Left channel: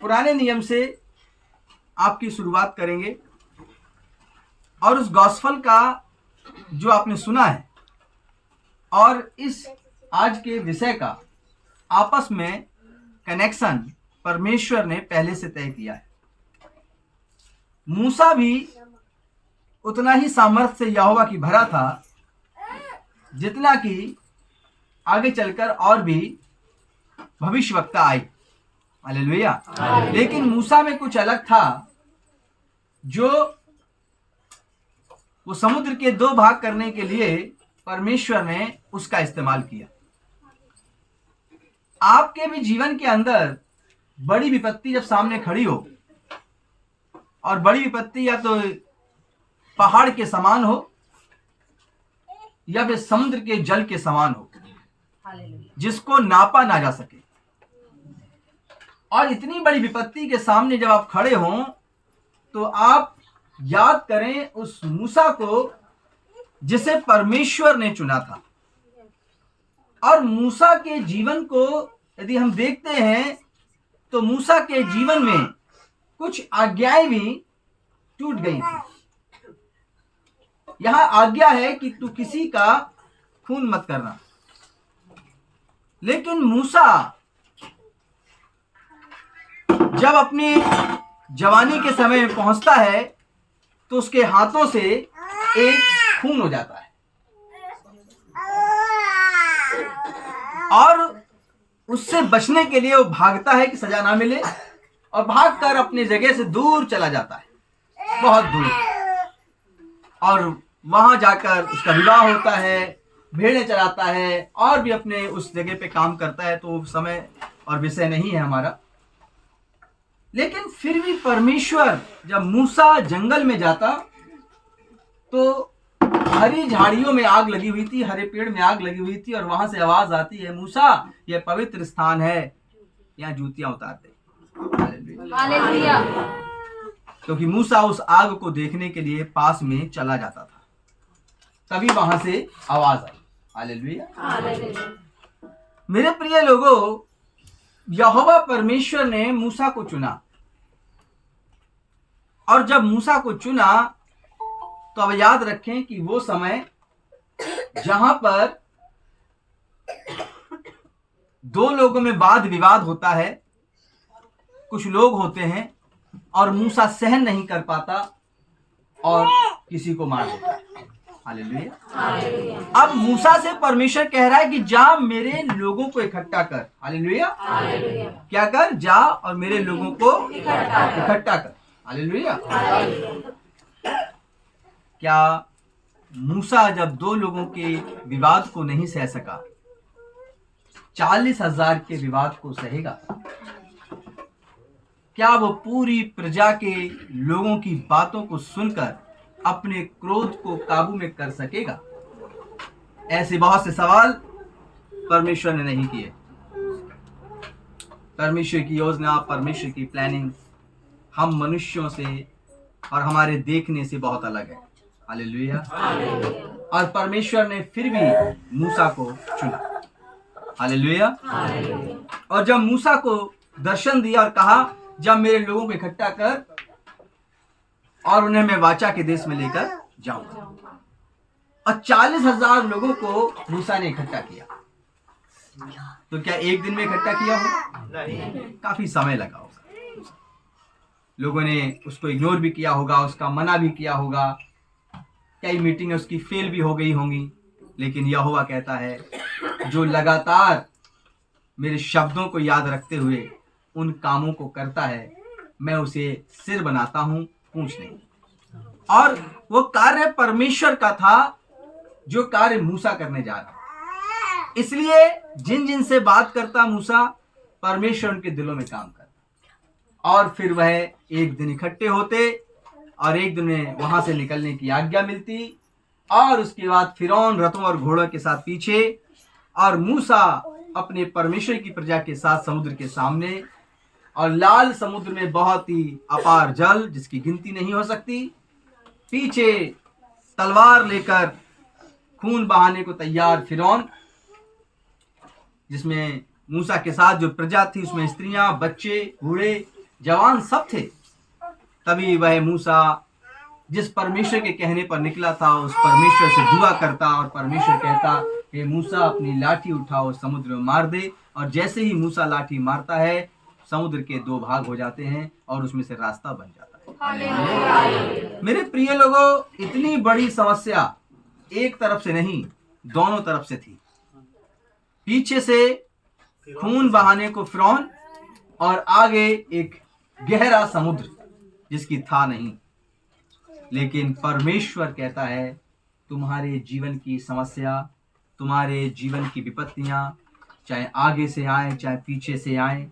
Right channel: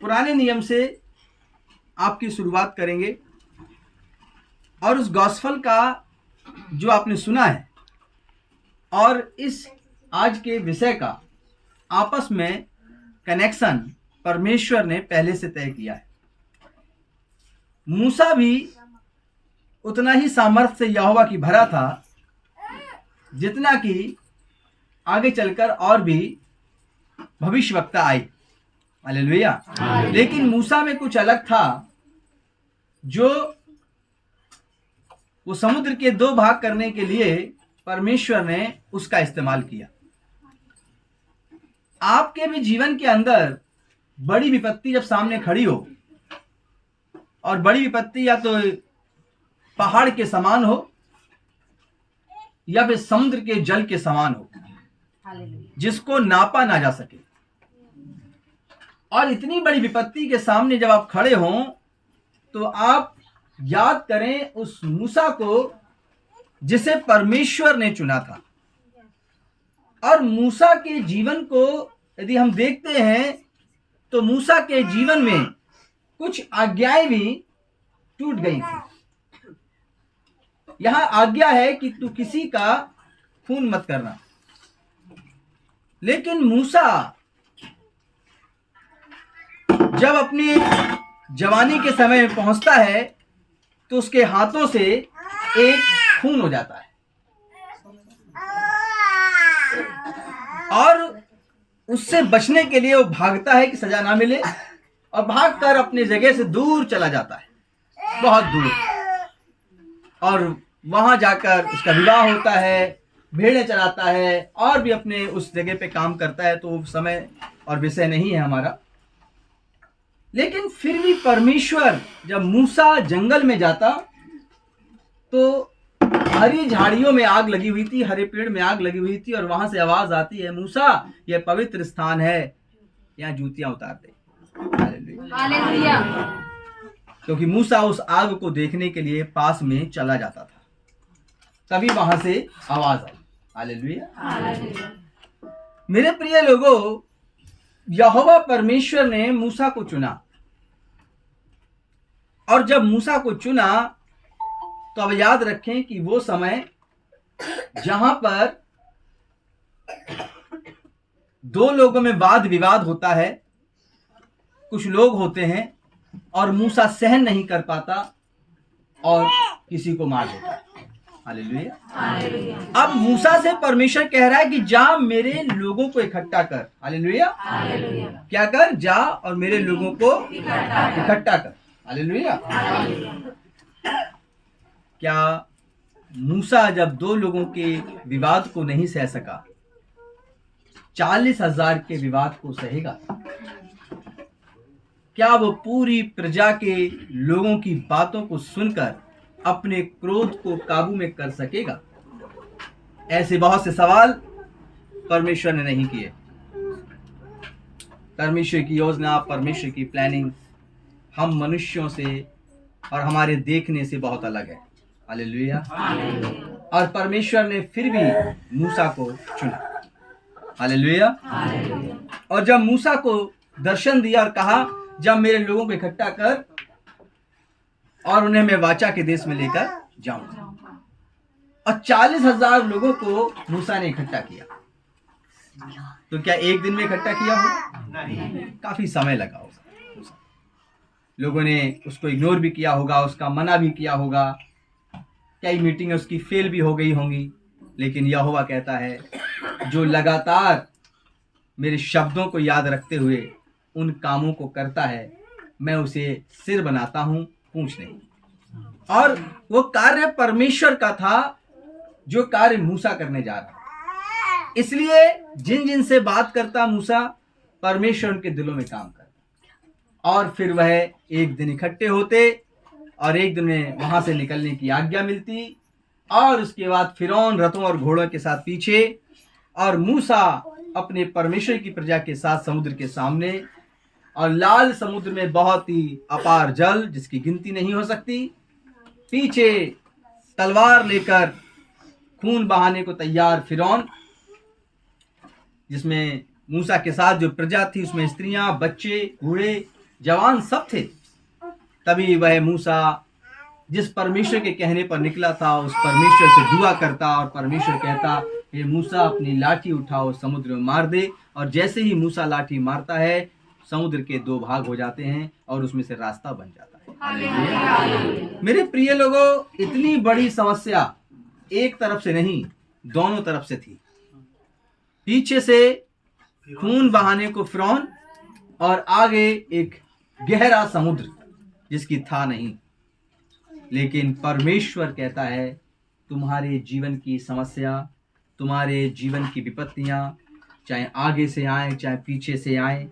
पुराने नियम से आपकी शुरुआत करेंगे और उस गॉस्पेल का जो आपने सुना है और इस आज के विषय का आपस में कनेक्शन परमेश्वर ने पहले से तय किया है। मूसा भी उतना ही सामर्थ्य से यहोवा की भरा था जितना कि आगे चलकर और भी भविष्यवक्ता आए। हालेलुया। लेकिन मूसा में कुछ अलग था, जो वो समुद्र के 2 भाग करने के लिए परमेश्वर ने उसका इस्तेमाल किया। आपके भी जीवन के अंदर बड़ी विपत्ति जब सामने खड़ी हो, और बड़ी विपत्ति या तो पहाड़ के समान हो या फिर समुद्र के जल के समान हो, जिसको नापा ना जा सके, और इतनी बड़ी विपत्ति के सामने जब आप खड़े हों तो आप याद करें उस मूसा को जिसे परमेश्वर ने चुना था। और मूसा के जीवन को यदि हम देखते हैं तो मूसा के जीवन में कुछ आज्ञाएं भी टूट गई थी। यहां आज्ञा है कि तू किसी का खून मत करना, लेकिन मूसा जब अपनी जवानी के समय में पहुंचता है तो उसके हाथों से एक खून हो जाता है और उससे बचने के लिए वो भागता है कि सजा ना मिले, और भागकर अपनी जगह से दूर चला जाता है, बहुत दूर, और वहां जाकर उसका विवाह होता है, भेड़ें चराता है और भी अपने उस जगह पे काम करता है। तो समय और विषय नहीं है हमारा। लेकिन फिर भी परमेश्वर जब मूसा जंगल में जाता तो हरी झाड़ियों में आग लगी हुई थी, हरे पेड़ में आग लगी हुई थी, और वहां से आवाज आती है, मूसा यह पवित्र स्थान है, यहाँ जूतियां उतार दे। हालेलुया। क्योंकि मूसा उस आग को देखने के लिए पास में चला जाता था, तभी वहां से आवाज आई। हालेलुया। मेरे प्रिय लोगों, यहोवा परमेश्वर ने मूसा को चुना, और जब मूसा को चुना तो अब याद रखें कि वो समय जहां पर 2 लोगों में वाद विवाद होता है, कुछ लोग होते हैं और मूसा सहन नहीं कर पाता और किसी को मार देता है। हालेलुया। अब मूसा से परमेश्वर कह रहा है कि जा मेरे लोगों को इकट्ठा कर। हालेलुया। क्या कर? जा और मेरे लोगों को इकट्ठा कर। हालेलुया। क्या मूसा जब 2 लोगों के विवाद को नहीं सह सका, 40,000 के विवाद को सहेगा? क्या वो पूरी प्रजा के लोगों की बातों को सुनकर अपने क्रोध को काबू में कर सकेगा? ऐसे बहुत से सवाल परमेश्वर ने नहीं किए। परमेश्वर की योजना, परमेश्वर की प्लानिंग हम मनुष्यों से और हमारे देखने से बहुत अलग है। हालेलुया। और परमेश्वर ने फिर भी मूसा को चुना। हालेलुया। और जब मूसा को दर्शन दिया और कहा, जब मेरे लोगों को इकट्ठा कर और उन्हें मैं वाचा के देश में लेकर जाऊंगा, और 40,000 लोगों को मूसा ने इकट्ठा किया। तो क्या एक दिन में इकट्ठा किया होगा? नहीं, काफी समय लगा होगा। लोगों ने उसको इग्नोर भी किया होगा, उसका मना भी किया होगा, कई मीटिंगें उसकी फेल भी हो गई होंगी। लेकिन यहोवा कहता है, जो लगातार मेरे शब्दों को याद रखते हुए उन कामों को करता है, मैं उसे सिर बनाता हूं, पूंछ नहीं। और वो कार्य परमेश्वर का था जो कार्य मूसा करने जा रहा। इसलिए जिन जिन से बात करता मूसा, परमेश्वर उनके दिलों में काम करता, और फिर वह एक दिन इकट्ठे होते और एक दिन में वहां से निकलने की आज्ञा मिलती, और उसके बाद फिरौन रथों और घोड़ों के साथ पीछे, और मूसा अपने परमेश्वर की प्रजा के साथ समुद्र के सामने, और लाल समुद्र में बहुत ही अपार जल जिसकी गिनती नहीं हो सकती, पीछे तलवार लेकर खून बहाने को तैयार फिरौन, जिसमें मूसा के साथ जो प्रजा थी उसमें स्त्रियां, बच्चे, बूढ़े जवान सब थे। तभी वह मूसा जिस परमेश्वर के कहने पर निकला था उस परमेश्वर से दुआ करता और परमेश्वर कहता, हे मूसा अपनी लाठी उठाओ, समुद्र में मार दे। और जैसे ही मूसा लाठी मारता है समुद्र के 2 भाग हो जाते हैं और उसमें से रास्ता बन जाता है। हालेलुया। मेरे प्रिय लोगों, इतनी बड़ी समस्या एक तरफ से नहीं, दोनों तरफ से थी। पीछे से खून बहाने को फिरौन और आगे एक गहरा समुद्र जिसकी था नहीं। लेकिन परमेश्वर कहता है, तुम्हारे जीवन की समस्या, तुम्हारे जीवन की विपत्तियां, चाहे आगे से आए चाहे पीछे से आए,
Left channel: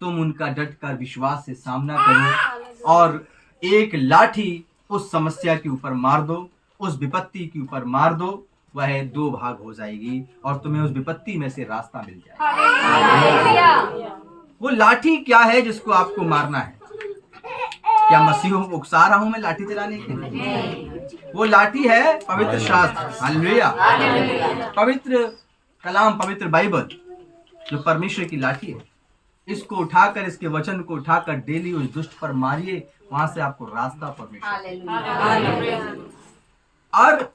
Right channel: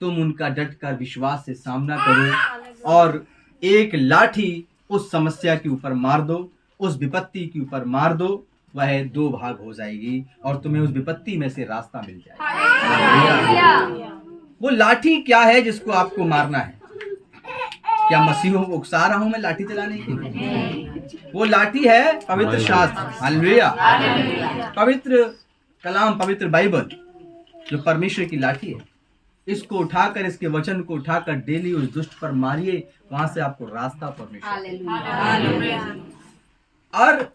तुम उनका डटकर विश्वास से सामना करो और एक लाठी उस समस्या के ऊपर मार दो, उस विपत्ति के ऊपर मार दो, वह 2 भाग हो जाएगी और तुम्हें उस विपत्ति में से रास्ता मिल जाएगा। वो लाठी क्या है जिसको आपको मारना है? क्या मसीह को उकसा रहा हूं मैं लाठी चलाने के लिए? वो लाठी है पवित्र शास्त्र। हालेलुया। पवित्र कलाम, पवित्र बाइबल जो परमेश्वर की लाठी है, इसको उठाकर, इसके वचन को उठाकर डेली उस दुष्ट पर मारिए, वहां से आपको रास्ता परमेश्वर। और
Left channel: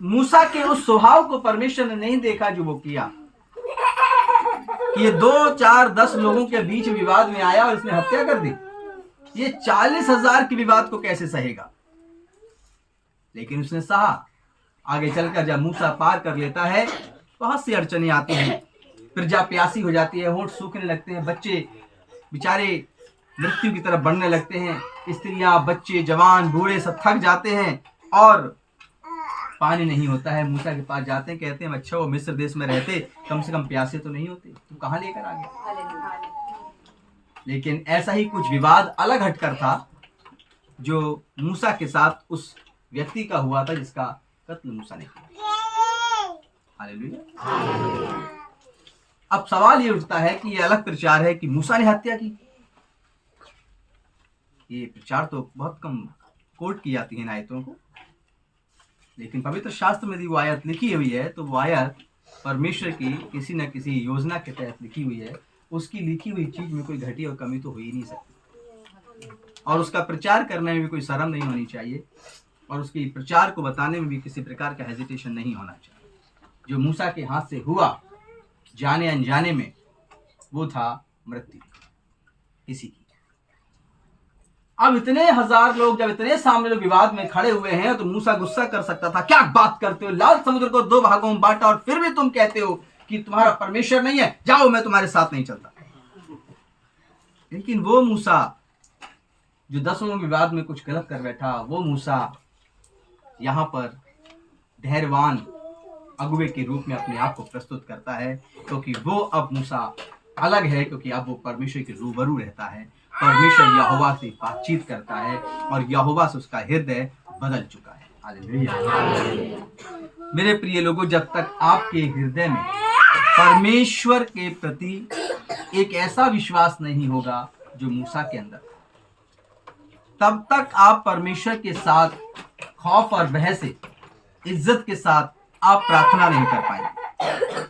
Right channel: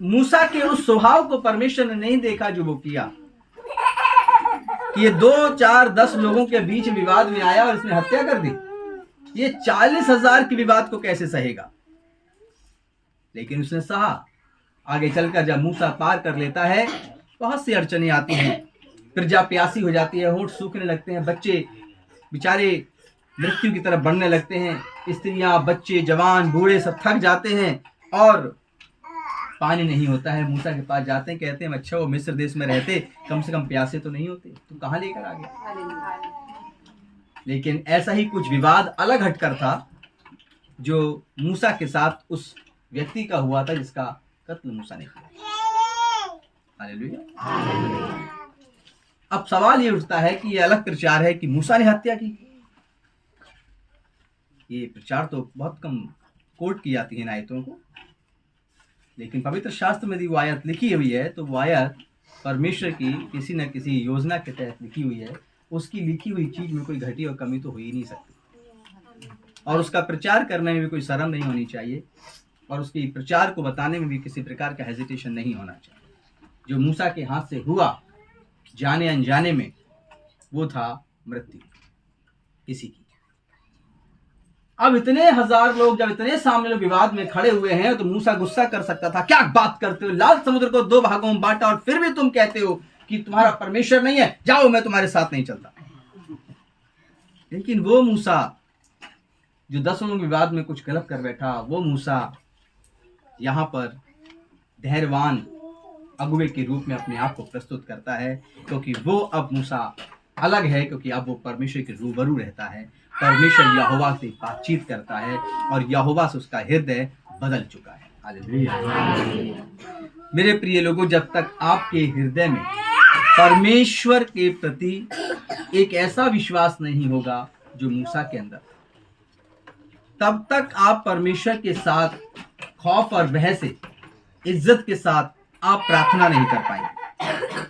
मूसा के उस स्वभाव को परमेश्वर ने नहीं देखा जो वो किया कि ये 2, 4, 10 लोगों के बीच विवाद में आया और इसने हत्या कर दी। ये 40,000 के विवाद को कैसे सहेगा? लेकिन उसने सहा। आगे चलकर जब मूसा पार कर लेता है, बहुत सी अड़चने आती हैं, प्रजा प्यासी हो जाती है, होंठ सूखने लगते हैं, बच्चे बेचारे मृत्यु की तरफ बढ़ने लगते हैं, स्त्रियां, बच्चे, जवान, बूढ़े सब थक जाते हैं और पानी नहीं होता है। मूसा के पास जाते हैं, कहते हैं अच्छा वो मिस्र देश में रहते, कम से कम प्यासे तो नहीं होते, तू कहां लेकर आ गया? लेकिन ऐसा ही कुछ विवाद अलग हटकर था जो मूसा के साथ उस व्यक्ति का हुआ था जिसका कत्ल मूसा ने किया। हालेलुया। अब सवाल ये उठता है कि ये अलग प्रचार है कि मूसा ने हत्या की। ये प्रचार तो बहुत कम कोट की जाती है इन आयतों को, लेकिन पवित्र शास्त्र में यदि वो आयत लिखी हुई है तो वो आयत परमेश्वर की किसी न किसी योजना के तहत लिखी हुई है। उसकी लिखी हुई चीज में कोई घटी और कमी तो हो ही नहीं सकती, और उसका प्रचार करने में भी कोई शर्म नहीं होनी चाहिए, और उसकी प्रचार को बताने में भी किसी प्रकार का हेजिटेशन नहीं होना चाहिए। जो मूसा के हाथ से हुआ जाने अनजाने में, वो था मृत्यु किसी की। अब इतने हजार लोग, जब इतने सामने लोग विवाद में खड़े हुए हैं, तो मूसा गुस्सा कर सकता था, क्या बात करते हो, लाल समुद्र को 2 भागों में बांटा और फिर भी तुम कहते हो कि तुम्हारा परमेश्वर नहीं है, जाओ मैं तुम्हारे साथ नहीं चलता। लेकिन वो मूसा जो 10 विवाद में कुछ गलत कर बैठा, वो मूसा यहां पर धैर्यवान अगुवे के रूप में अपने आप को प्रस्तुत करता है, क्योंकि वो अब मूसा अलग है, क्योंकि अब वो परमेश्वर के रूबरू रहता है, परमेश्वर यहोवा से बातचीत करता है और यहोवा से उसका हृदय बदल चुका है। हालेलुया। मेरे प्रिय लोगों, जब तक आपके हृदय में परमेश्वर के प्रति एक ऐसा विश्वास नहीं होगा जो मूसा के अंदर, तब तक आप परमेश्वर के साथ खौफ और भय से, इज्जत के साथ आप प्रार्थना नहीं कर पाएंगे।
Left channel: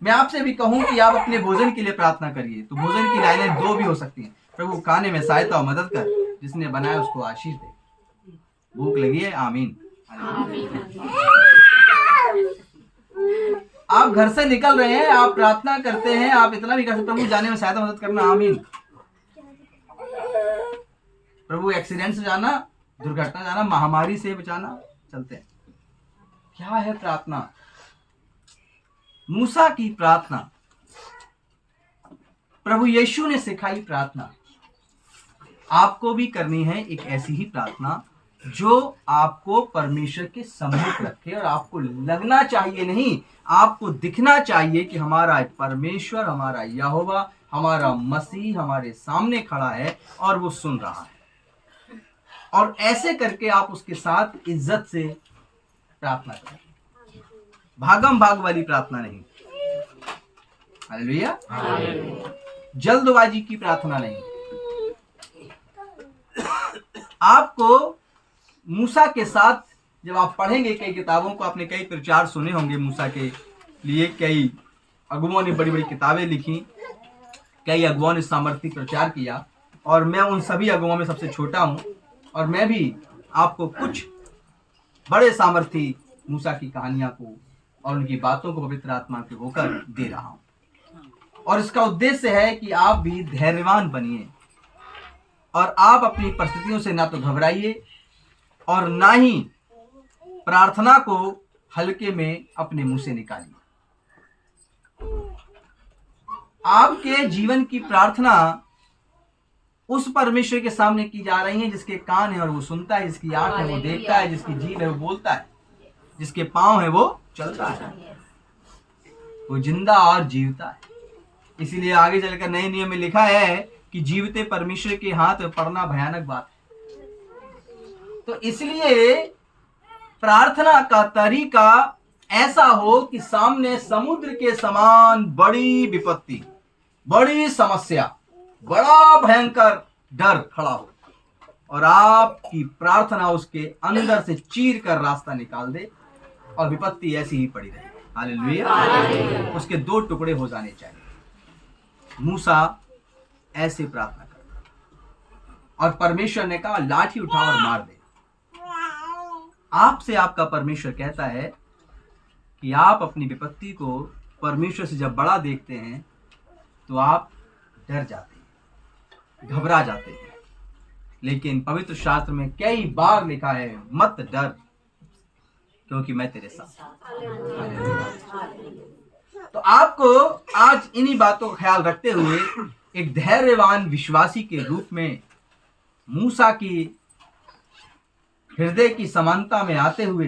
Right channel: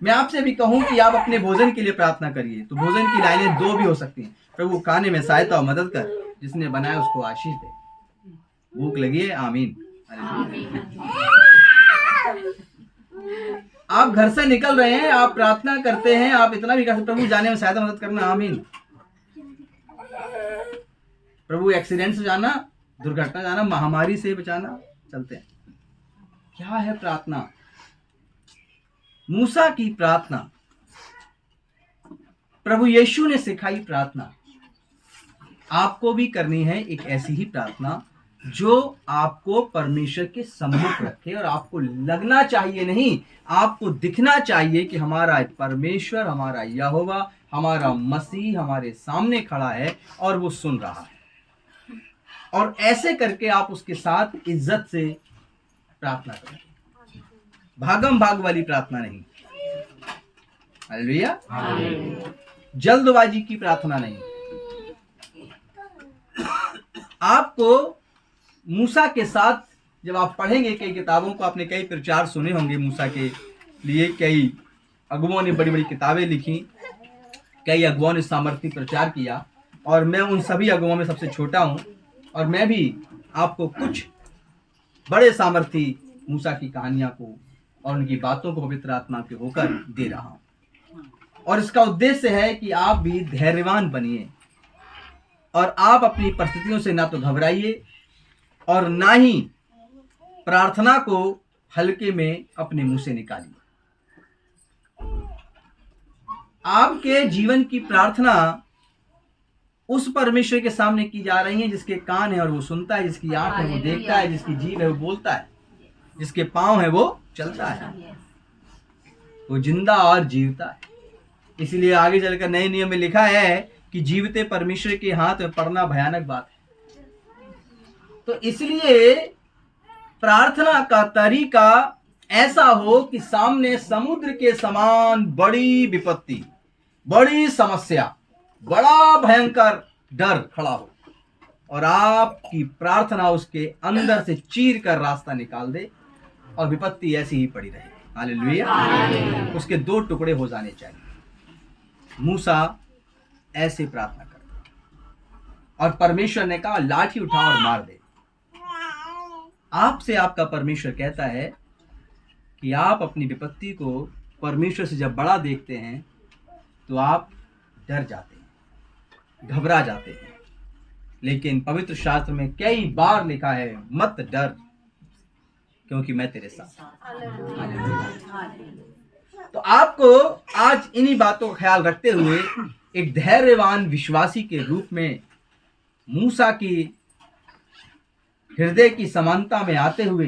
मैं आपसे भी कहूं कि आप अपने भोजन के लिए प्रार्थना करिए, तो भोजन की लाइनें 2 भी हो सकती हैं। प्रभु खाने में सहायता और मदद कर, जिसने बनाया उसको आशीष दे। भूख लगी है, आमीन। आप घर से निकल रहे हैं, आप प्रार्थना करते हैं, आप इतना भी कर सकते, प्रभु जाने में सहायता मदद करना, आमीन। प्रभु एक्सीडेंट से जाना, दुर्घटना जाना, महामारी से बचाना, चलते हैं। क्या है प्रार्थना? मूसा की प्रार्थना, प्रभु यीशु ने सिखाई प्रार्थना, आपको भी करनी है एक ऐसी ही प्रार्थना जो आपको परमेश्वर के सम्मुख रखे, और आपको लगना चाहिए नहीं, आपको दिखना चाहिए कि हमारा परमेश्वर, हमारा यहोवा, हमारा मसीह हमारे सामने खड़ा है और वो सुन रहा है। और ऐसे करके आप उसके साथ इज्जत से प्रार्थना करें, भागम भाग वाली प्रार्थना नहीं। हालेलुया। जल्दबाजी की प्रार्थना नहीं। आपको मूसा के साथ, जब आप पढ़ेंगे कई किताबों को, आपने कई प्रचार सुने होंगे मूसा के लिए, कई अगुओं ने बड़ी बड़ी किताबें लिखी, कई अगुओं ने सामर्थ्य प्रचार किया, और मैं उन सभी अगुओं में सबसे छोटा हूँ, और मैं भी आपको कुछ बड़े सामर्थी मूसा की कहानियां को और उनकी बातों को पवित्र आत्मा के होकर दे रहा हूँ। और इसका उद्देश्य है कि आप भी धैर्यवान बनिए और आप अपनी परिस्थितियों से ना तो घबराइए और ना ही प्रार्थना को हल्के में अपने मुंह से निकालिए। आपके जीवन की प्रार्थना उस परमेश्वर के सामने की जा रही है जिसके कान है और वो सुनता है, जिसकी आंख है वो देखता है, जिसकी जीभ है वो बोलता है, जिसके पांव है वो चलता है, वो जिंदा और जीवता है। इसीलिए आगे चलकर नए नियम में लिखा है कि जीवते परमेश्वर के हाथ में पड़ना भयानक बात है। तो इसलिए प्रार्थना का तरीका ऐसा हो कि सामने समुद्र के समान बड़ी विपत्ति, बड़ी समस्या, बड़ा भयंकर डर खड़ा हो और आपकी प्रार्थना उसके अंदर से चीर कर रास्ता निकाल दे और विपत्ति ऐसी ही पड़ी रहे। हालेलुया। उसके दो टुकड़े हो जाने चाहिए। मूसा ऐसे प्रार्थना करता और परमेश्वर ने कहा लाठी उठा और मार दे। आपसे आपका परमेश्वर कहता है कि आप अपनी विपत्ति को परमेश्वर से जब बड़ा देखते हैं तो आप डर जाते हैं, घबरा जाते हैं। लेकिन पवित्र शास्त्र में कई बार लिखा है मत डर क्योंकि मैं तेरे साथ। तो आपको आज इन्हीं बातों का ख्याल रखते हुए एक धैर्यवान विश्वासी के रूप में मूसा की हृदय की समानता में आते हुए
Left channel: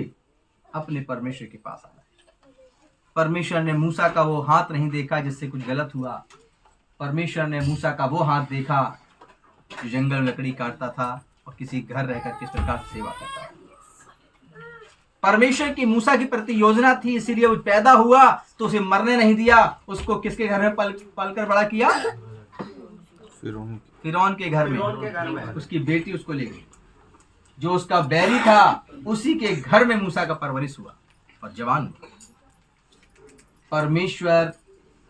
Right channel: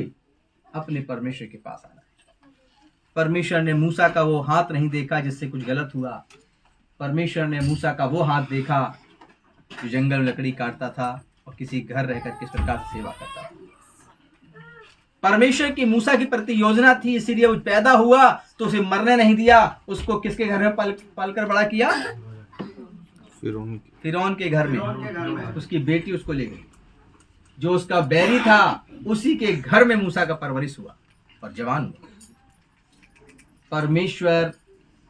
अपने परमेश्वर के पास आना है। परमेश्वर ने मूसा का वो हाथ नहीं देखा जिससे कुछ गलत हुआ। परमेश्वर ने मूसा का वो हाथ देखा जो जंगल में लकड़ी काटता था और किसी घर रहकर किस प्रकार से सेवा करता था। परमेश्वर की मूसा के प्रति योजना थी, इसीलिए वो पैदा हुआ तो उसे मरने नहीं दिया। उसको किसके घर में पलकर बड़ा किया? फिरौन के घर में। उसकी बेटी उसको ले गई। जो उसका बैरी था उसी के घर में मूसा का परवरिश हुआ और जवान हुआ। परमेश्वर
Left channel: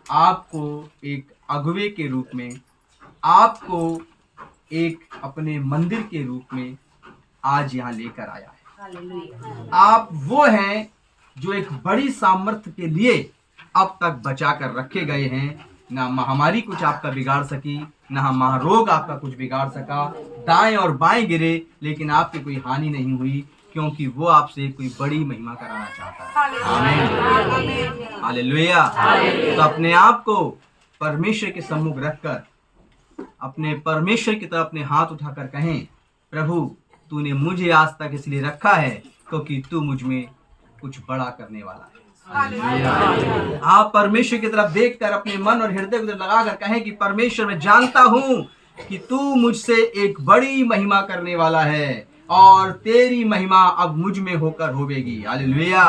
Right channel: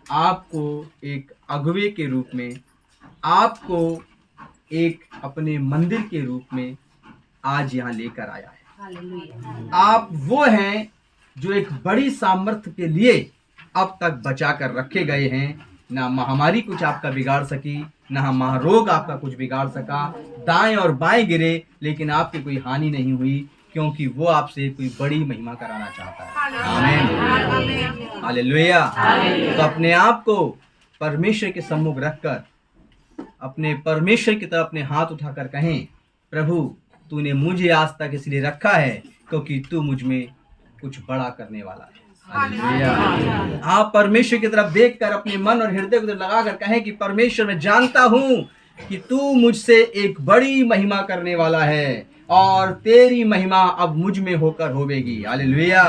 आपको एक अगुवे के रूप में, आपको एक अपने मंदिर के रूप में आज यहाँ लेकर आया है। आप वो हैं जो एक बड़ी सामर्थ्य के लिए अब तक बचा कर रखे गए हैं। ना महामारी कुछ आपका बिगाड़ सकी, ना महारोग आपका कुछ बिगाड़ सका। दाएं और बाएं गिरे लेकिन आपकी कोई हानि नहीं हुई, क्योंकि वो आपसे कोई बड़ी महिमा कराना चाहता है। आमीन, हालेलुया। तो अपने आप को परमेश्वर के सम्मुख रखकर अपने परमेश्वर की तरफ अपने हाथ उठाकर कहें, प्रभु तूने मुझे आज तक इसलिए रखा है क्योंकि तू मुझ में कुछ बड़ा करने वाला है। हालेलुया। आप परमेश्वर की तरफ देखकर अपने मन और हृदय को लगाकर कहें कि परमेश्वर मैं जानता हूं कि तू मुझसे एक बड़ी महिमा करने वाला है और तेरी महिमा अब मुझ में होकर होवेगी। हालेलुया।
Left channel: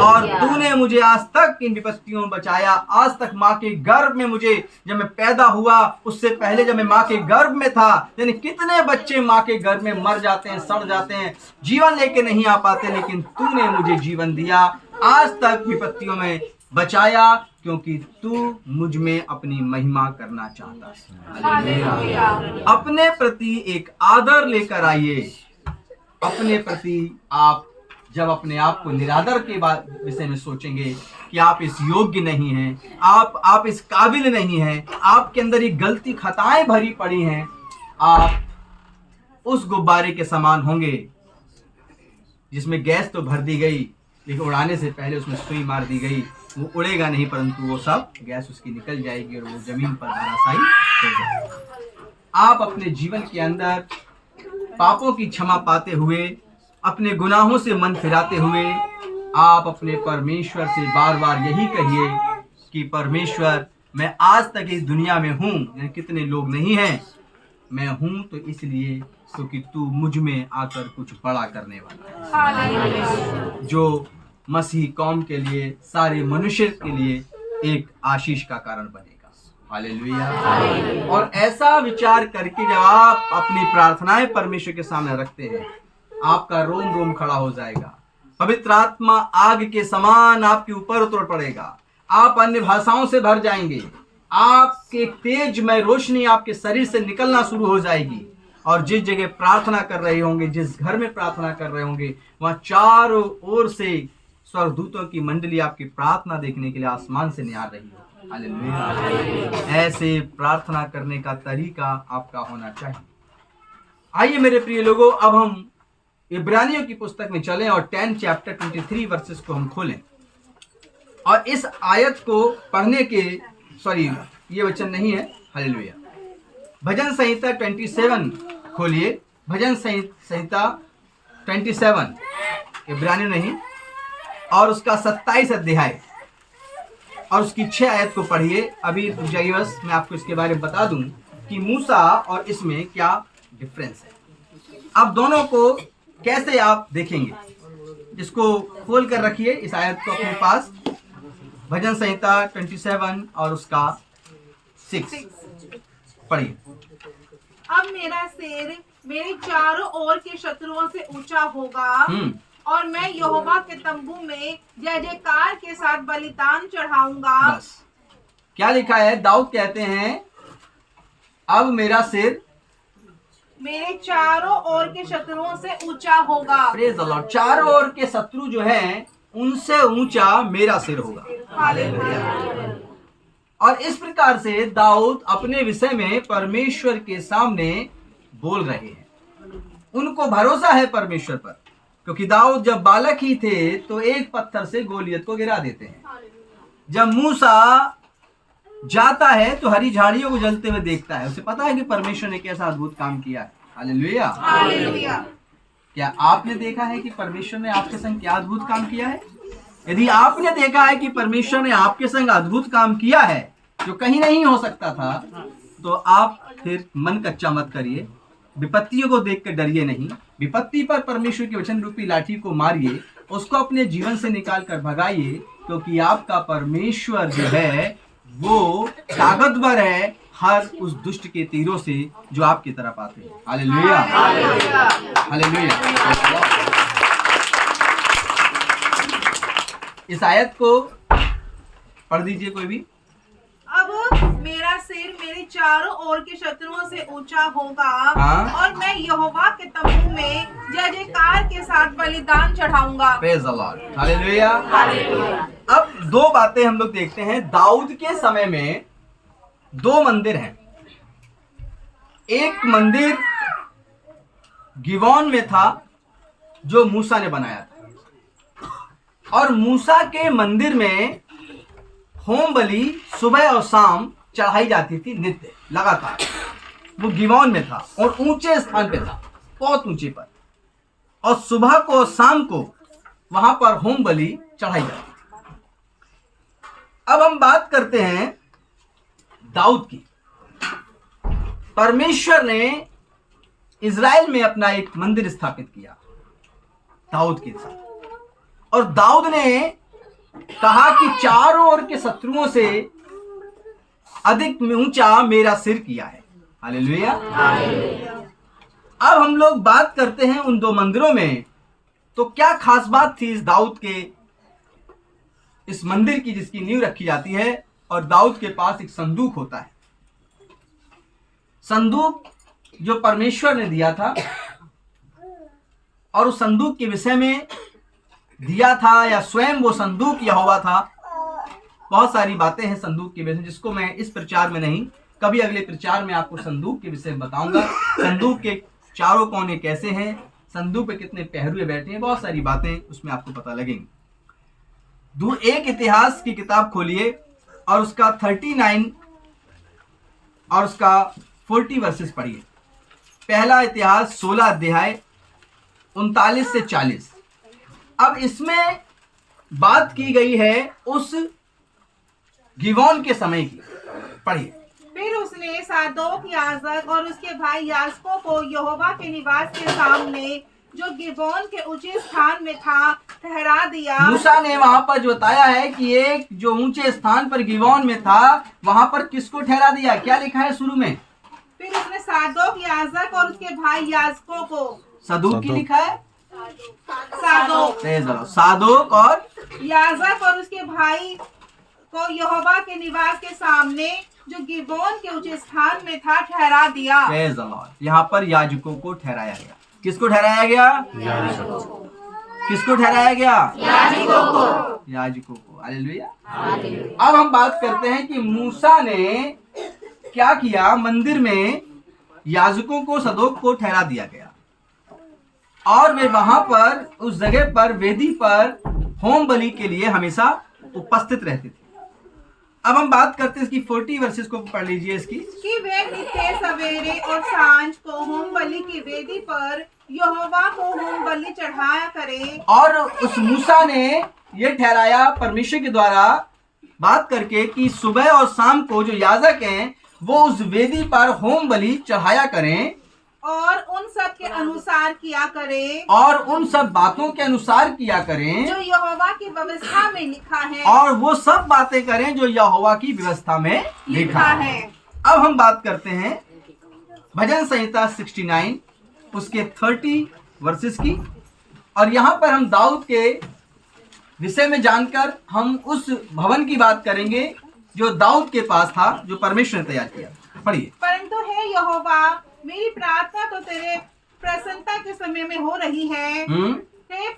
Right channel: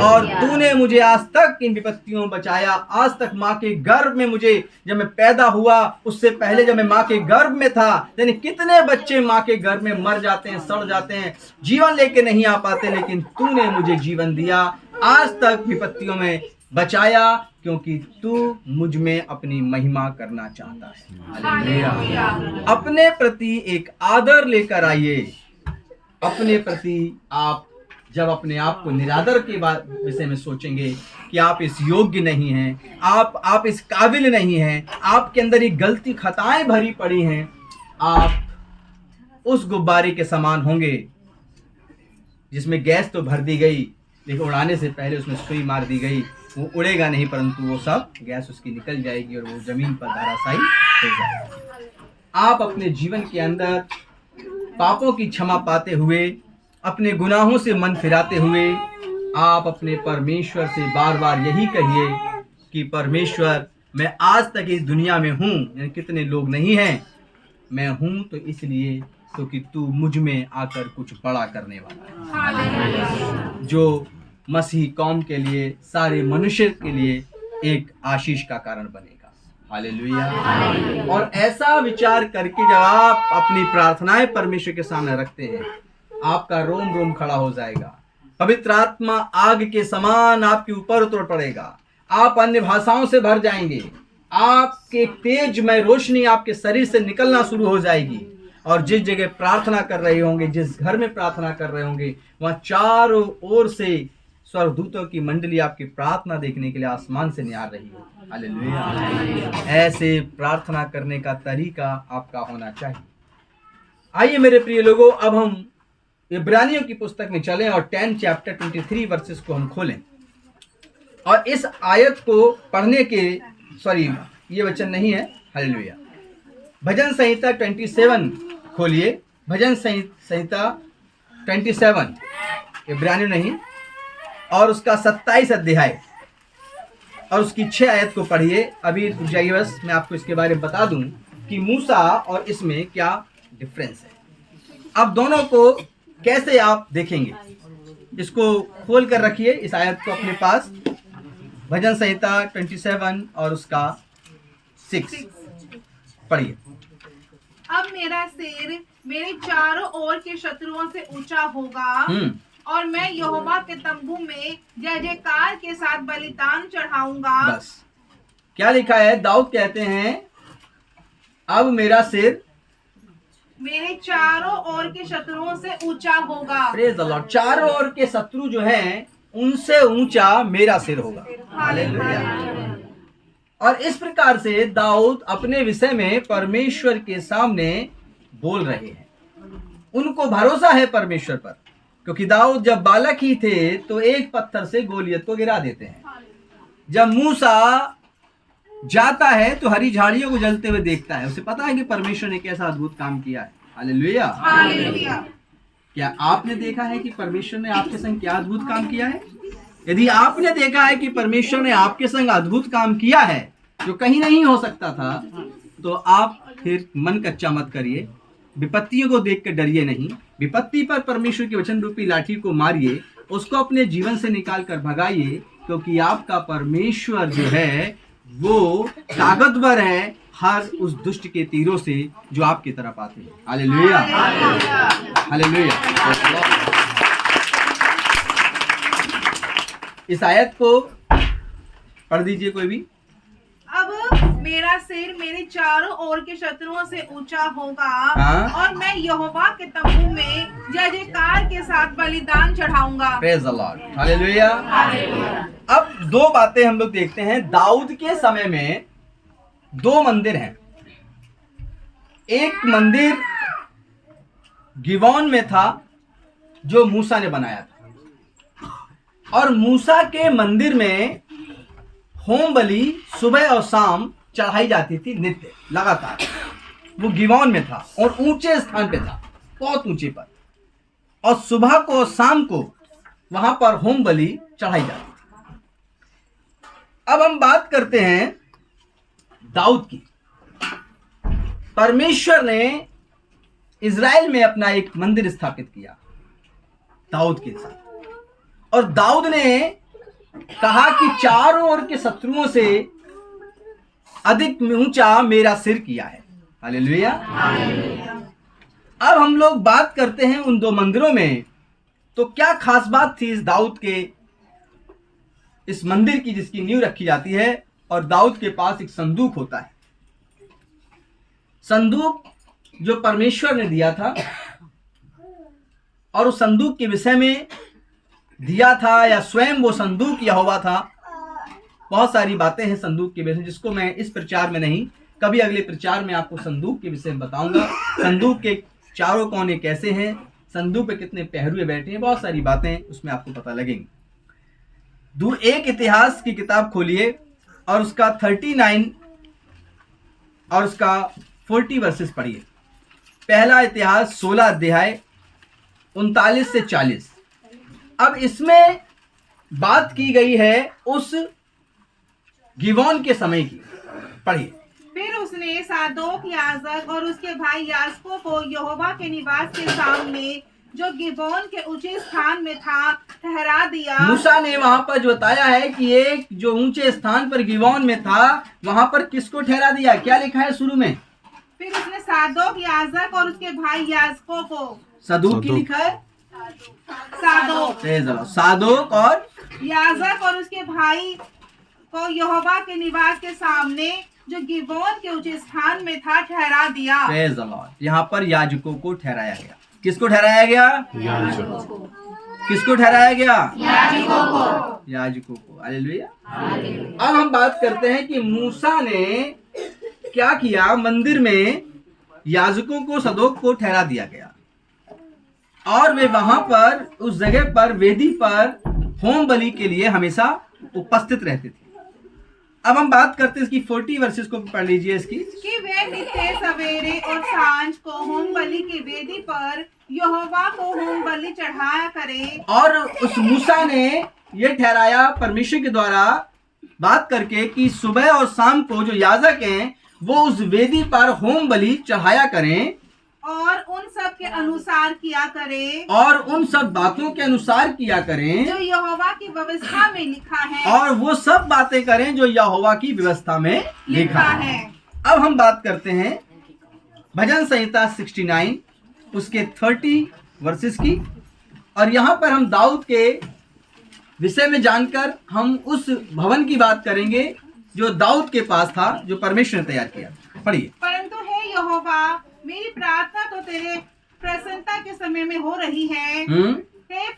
और तूने मुझे आज तक इन विपत्तियों में बचाया। आज तक माँ के गर्भ में मुझे, जब मैं पैदा हुआ उससे पहले जब मैं माँ के गर्भ में था, यानी कितने बच्चे माँ के गर्भ में मर जाते हैं, सड़ जाते हैं, जीवन लेके नहीं आ पाते, लेकिन तूने मुझे जीवन दिया, आज तक विपत्तियों में बचाया, क्योंकि तू मुझ में अपनी महिमा करना चाहता है। हालेलुया। अपने प्रति एक आदर लेकर आइए। अपने प्रति आप जब अपने आप को निरादर के विषय में सोचेंगे कि आप इस योग्य नहीं हैं, आप इस काबिल नहीं हैं, आपके अंदर ये गलती खताएं भरी पड़ी हैं, आप उस गुब्बारे के समान होंगे जिसमें गैस तो भर दी गई लेकिन उड़ाने से पहले उसमें सुई मार दी गई। वो उड़ेगा नहीं परंतु वो सब गैस उसकी निकल जाएगी और वो जमीन पर धराशायी हो जाएगी। आप अपने जीवन के अंदर पापों की क्षमा पाते हुए, अपने गुनाहों से मन फिराते हुए, आप अपने परमेश्वर से बार बार यही कहिए कि परमेश्वर मैं आज तक इस दुनिया में हूँ, कितने लोग नहीं हैं, मैं हूँ तो इसलिए क्योंकि तू मुझ में आकर कुछ बड़ा करने वाला है, जो मसीह कौम के लिए, सारे मनुष्य के लिए एक आशीष का कारण बनेगा। हालेलुया। और ऐसा विचार करके जब आप अपनी प्रार्थनाएं परमेश्वर के सामने रखते हैं, आपका रोम रोम खड़ा हो जाएगा। पवित्र आत्मा आग के समान आपके ऊपर उतर पड़ेगा। आप अन्य भाषाओं से भर जाएंगे। आपके तेजमय रोशनी आपके शरीर से निकलना शुरू हो जाएगी और जिस जगह प्रार्थना कर रहे होंगे, जिस घर में प्रार्थना कर रहे होंगे, वहां चारों ओर से स्वर्गदूतों की मंडली आपकी प्रार्थना देखने के लिए आसमान से निहार रही हो। हालेलुया। ऐसे प्रार्थना करने का तरीका आपका होना चाहिए। आइए मेरे प्रिय लोगों, अब हम इब्रानियों की पुस्तक में चलें और 10 चैप्टर 23 वर्सेस को हम खोलें और इस आयत को पढ़ने के ये वचन नहीं है। हालेलुया। भजन संहिता 27 खोलिए। भजन संहिता 27, इब्रानी नहीं, और उसका 27 अध्याय और उसकी 6 आयत को पढ़िए। अभी रुक जाइए, बस मैं आपको इसके बारे में बता दूं कि मूसा और इसमें क्या डिफरेंस है। अब दोनों को कैसे आप देखेंगे, इसको खोल कर रखिए इस आयत को अपने पास। भजन संहिता 27 और उसका 6 पढ़िए। अब मेरा सिर मेरे चारों ओर के शत्रुओं से ऊंचा होगा और मैं यहोवा के तंबू में जय जयकार के साथ बलिदान चढ़ाऊंगा। बस क्या लिखा है, दाऊद कहते हैं अब मेरा सिर मेरे चारों ओर के शत्रुओं से ऊंचा होगा। Praise the Lord. चारों ओर के शत्रु जो हैं उनसे ऊंचा मेरा सिर होगा। हालेलुया। और इस प्रकार से दाऊद अपने विषय में परमेश्वर के सामने बोल रहे हैं। उनको भरोसा है परमेश्वर पर, क्योंकि दाऊद जब बालक ही थे तो एक पत्थर से गोलियत को गिरा देते हैं। जब मूसा जाता है तो हरी झाड़ियों को जलते हुए देखता है, उसे पता है कि परमेश्वर ने कैसा अद्भुत काम किया है। हालेलुया। हालेलुया। क्या आपने देखा है कि परमेश्वर ने आपके संग क्या अद्भुत काम किया है? यदि आपने देखा है कि परमेश्वर ने आपके संग अद्भुत काम किया है जो कहीं नहीं हो सकता था, तो आप फिर मन कच्चा मत करिए, विपत्तियों को देख कर डरिए नहीं। विपत्ति पर परमेश्वर की वचन रूपी लाठी को मारिए, उसको अपने जीवन से निकाल कर भगाइए, क्योंकि आपका परमेश्वर जो है वो ताकतवर है हर उस दुष्ट के तीरों से जो आपकी तरफ आते हैं। हालेलुया। हालेलुया। इस आयत को पढ़ दीजिए कोई भी। अब मेरा सिर मेरे चारों ओर के शत्रुओं से ऊंचा होगा और मैं यहोवा के तंबू में जय जयकार के साथ बलिदान चढ़ाऊंगा। Praise the lord. हालेलुया। अब दो बातें हम लोग देखते हैं। दाऊद के समय में 2 मंदिर हैं। एक मंदिर गिबोन में था जो मूसा ने बनाया था, और मूसा के मंदिर में होम बलि सुबह और शाम चढ़ाई जाती थी नित्य लगातार। वो गिबोन में था और ऊंचे स्थान पे था, बहुत ऊंचे पर, और सुबह को और शाम को वहां पर होम बलि चढ़ाई जाती। अब हम बात करते हैं दाऊद की। परमेश्वर ने इज़राइल में अपना एक मंदिर स्थापित किया दाऊद के साथ, और दाऊद ने कहा कि चारों ओर के शत्रुओं से अधिक ऊंचा मेरा सिर किया है। हालेलुया। अब हम लोग बात करते हैं उन 2 मंदिरों में, तो क्या खास बात थी इस दाऊद के इस मंदिर की जिसकी नींव रखी जाती है। और दाऊद के पास एक संदूक होता है, संदूक जो परमेश्वर ने दिया था, और उस संदूक के विषय में दिया था या स्वयं वो संदूक यहोवा था। बहुत सारी बातें हैं संदूक के विषय में, जिसको मैं इस प्रचार में नहीं, कभी अगले प्रचार में आपको संदूक के विषय में बताऊंगा। संदूक के चारों कोने कैसे हैं, संदूक पे कितने पहरुए बैठे हैं, बहुत सारी बातें उसमें आपको पता लगेंगी। एक इतिहास की किताब खोलिए और उसका 39 और उसका 40 वर्सेस पढ़िए। पहला इतिहास 16 अध्याय 39 से 40। अब इसमें बात की गई है उस गिबोन के समय की। पढ़िए। फिर उसने सादोक याजक और उसके भाई याजकों को यहोवा के निवास के सामने जो गिबोन के ऊंचे स्थान में था ठहरा दिया। मूसा ने वहां पर जो बताया है कि एक जो ऊंचे स्थान पर गिबोन में था, वहां पर किसको ठहरा दिया? क्या लिखा है शुरू में? फिर उसने सादोक याजक और उसके भाई याजकों को। सदूक की लिखा है, सादोक सादोक और याजक और उसके भाई को यहोवा के निवास के सामने जो गिबोन के ऊंचे स्थान में था ठहरा दिया। Praise the Lord. यहाँ पर याजकों को ठहराया गया। किसको ठहराया गया? किसको ठहराया गया? याजकों को। हालेलुया। अब हम बात करते हैं कि मूसा ने क्या किया। मंदिर में याजकों को, सदोक को ठहरा दिया गया और वे वहां पर उस जगह पर वेदी पर होम बलि के लिए हमेशा उपस्थित रहते थे। अब हम बात करते हैं इसकी 40 वर्सेस को पढ़ लीजिए इसकी। कि वे नित्य सवेरे और सांझ को होम बलि की वेदी पर यहोवा को होम बलि चढ़ाया करे। और उस मूसा ने ये ठहराया परमेश्वर के द्वारा बात करके कि सुबह और शाम को जो याजक हैं वो उस वेदी पर होम बलि चढ़ाया करें और उन सब के अनुसार किया करे, और उन सब बातों के अनुसार किया करें जो यहोवा की व्यवस्था में लिखा है, और वो सब बातें करें जो यहोवा की व्यवस्था में लिखा है। अब हम बात करते हैं भजन संहिता 69 उसके 30 वर्सेस की। और यहाँ पर हम दाऊद के विषय में जानकर हम उस भवन की बात करेंगे जो दाऊद के पास था, जो परमेश्वर ने तैयार किया। पढ़िए। परंतु हे यहोवा, मेरी प्रार्थना तो तेरे प्रसन्नता के समय में हो रही है। हे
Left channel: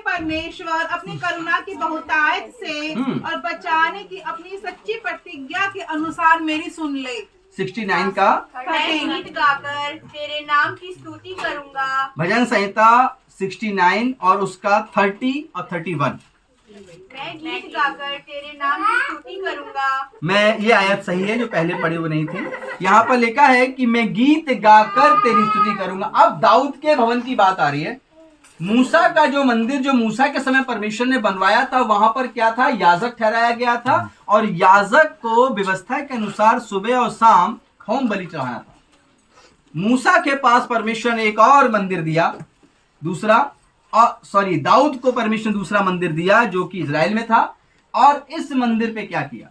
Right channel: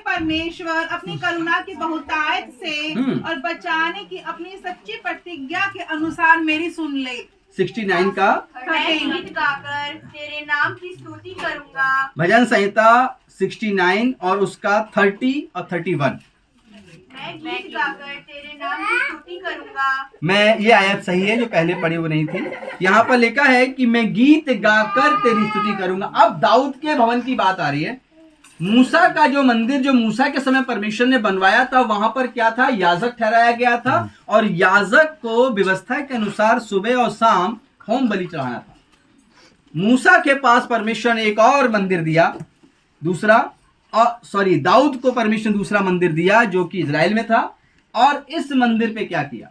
परमेश्वर, अपनी करुणा की बहुतायत से और बचाने की अपनी सच्ची प्रतिज्ञा के अनुसार मेरी सुन ले। 69 का मैं गीत गाकर तेरे नाम की स्तुति करूंगा। भजन संहिता 69 और उसका 30 और 31। मैं गीत गाकर तेरे नाम की स्तुति करूंगा। मैं ये आयत सही है जो पहले पढ़ी वो नहीं थी। यहाँ पर लिखा है कि मैं गीत गाकर तेरी स्तुति करूंगा। अब दाऊद के भवन की बात आ रही है। मूसा का जो मंदिर जो मूसा के समय परमेश्वर ने बनवाया था, वहां पर क्या था? याजक ठहराया गया था और याजक को व्यवस्था के अनुसार सुबह और शाम होम बलि चढ़ाना था। मूसा के पास परमेश्वर ने एक और मंदिर दिया, दाऊद को परमेश्वर ने दूसरा मंदिर दिया जो कि इजराइल में था। और इस मंदिर पे क्या किया,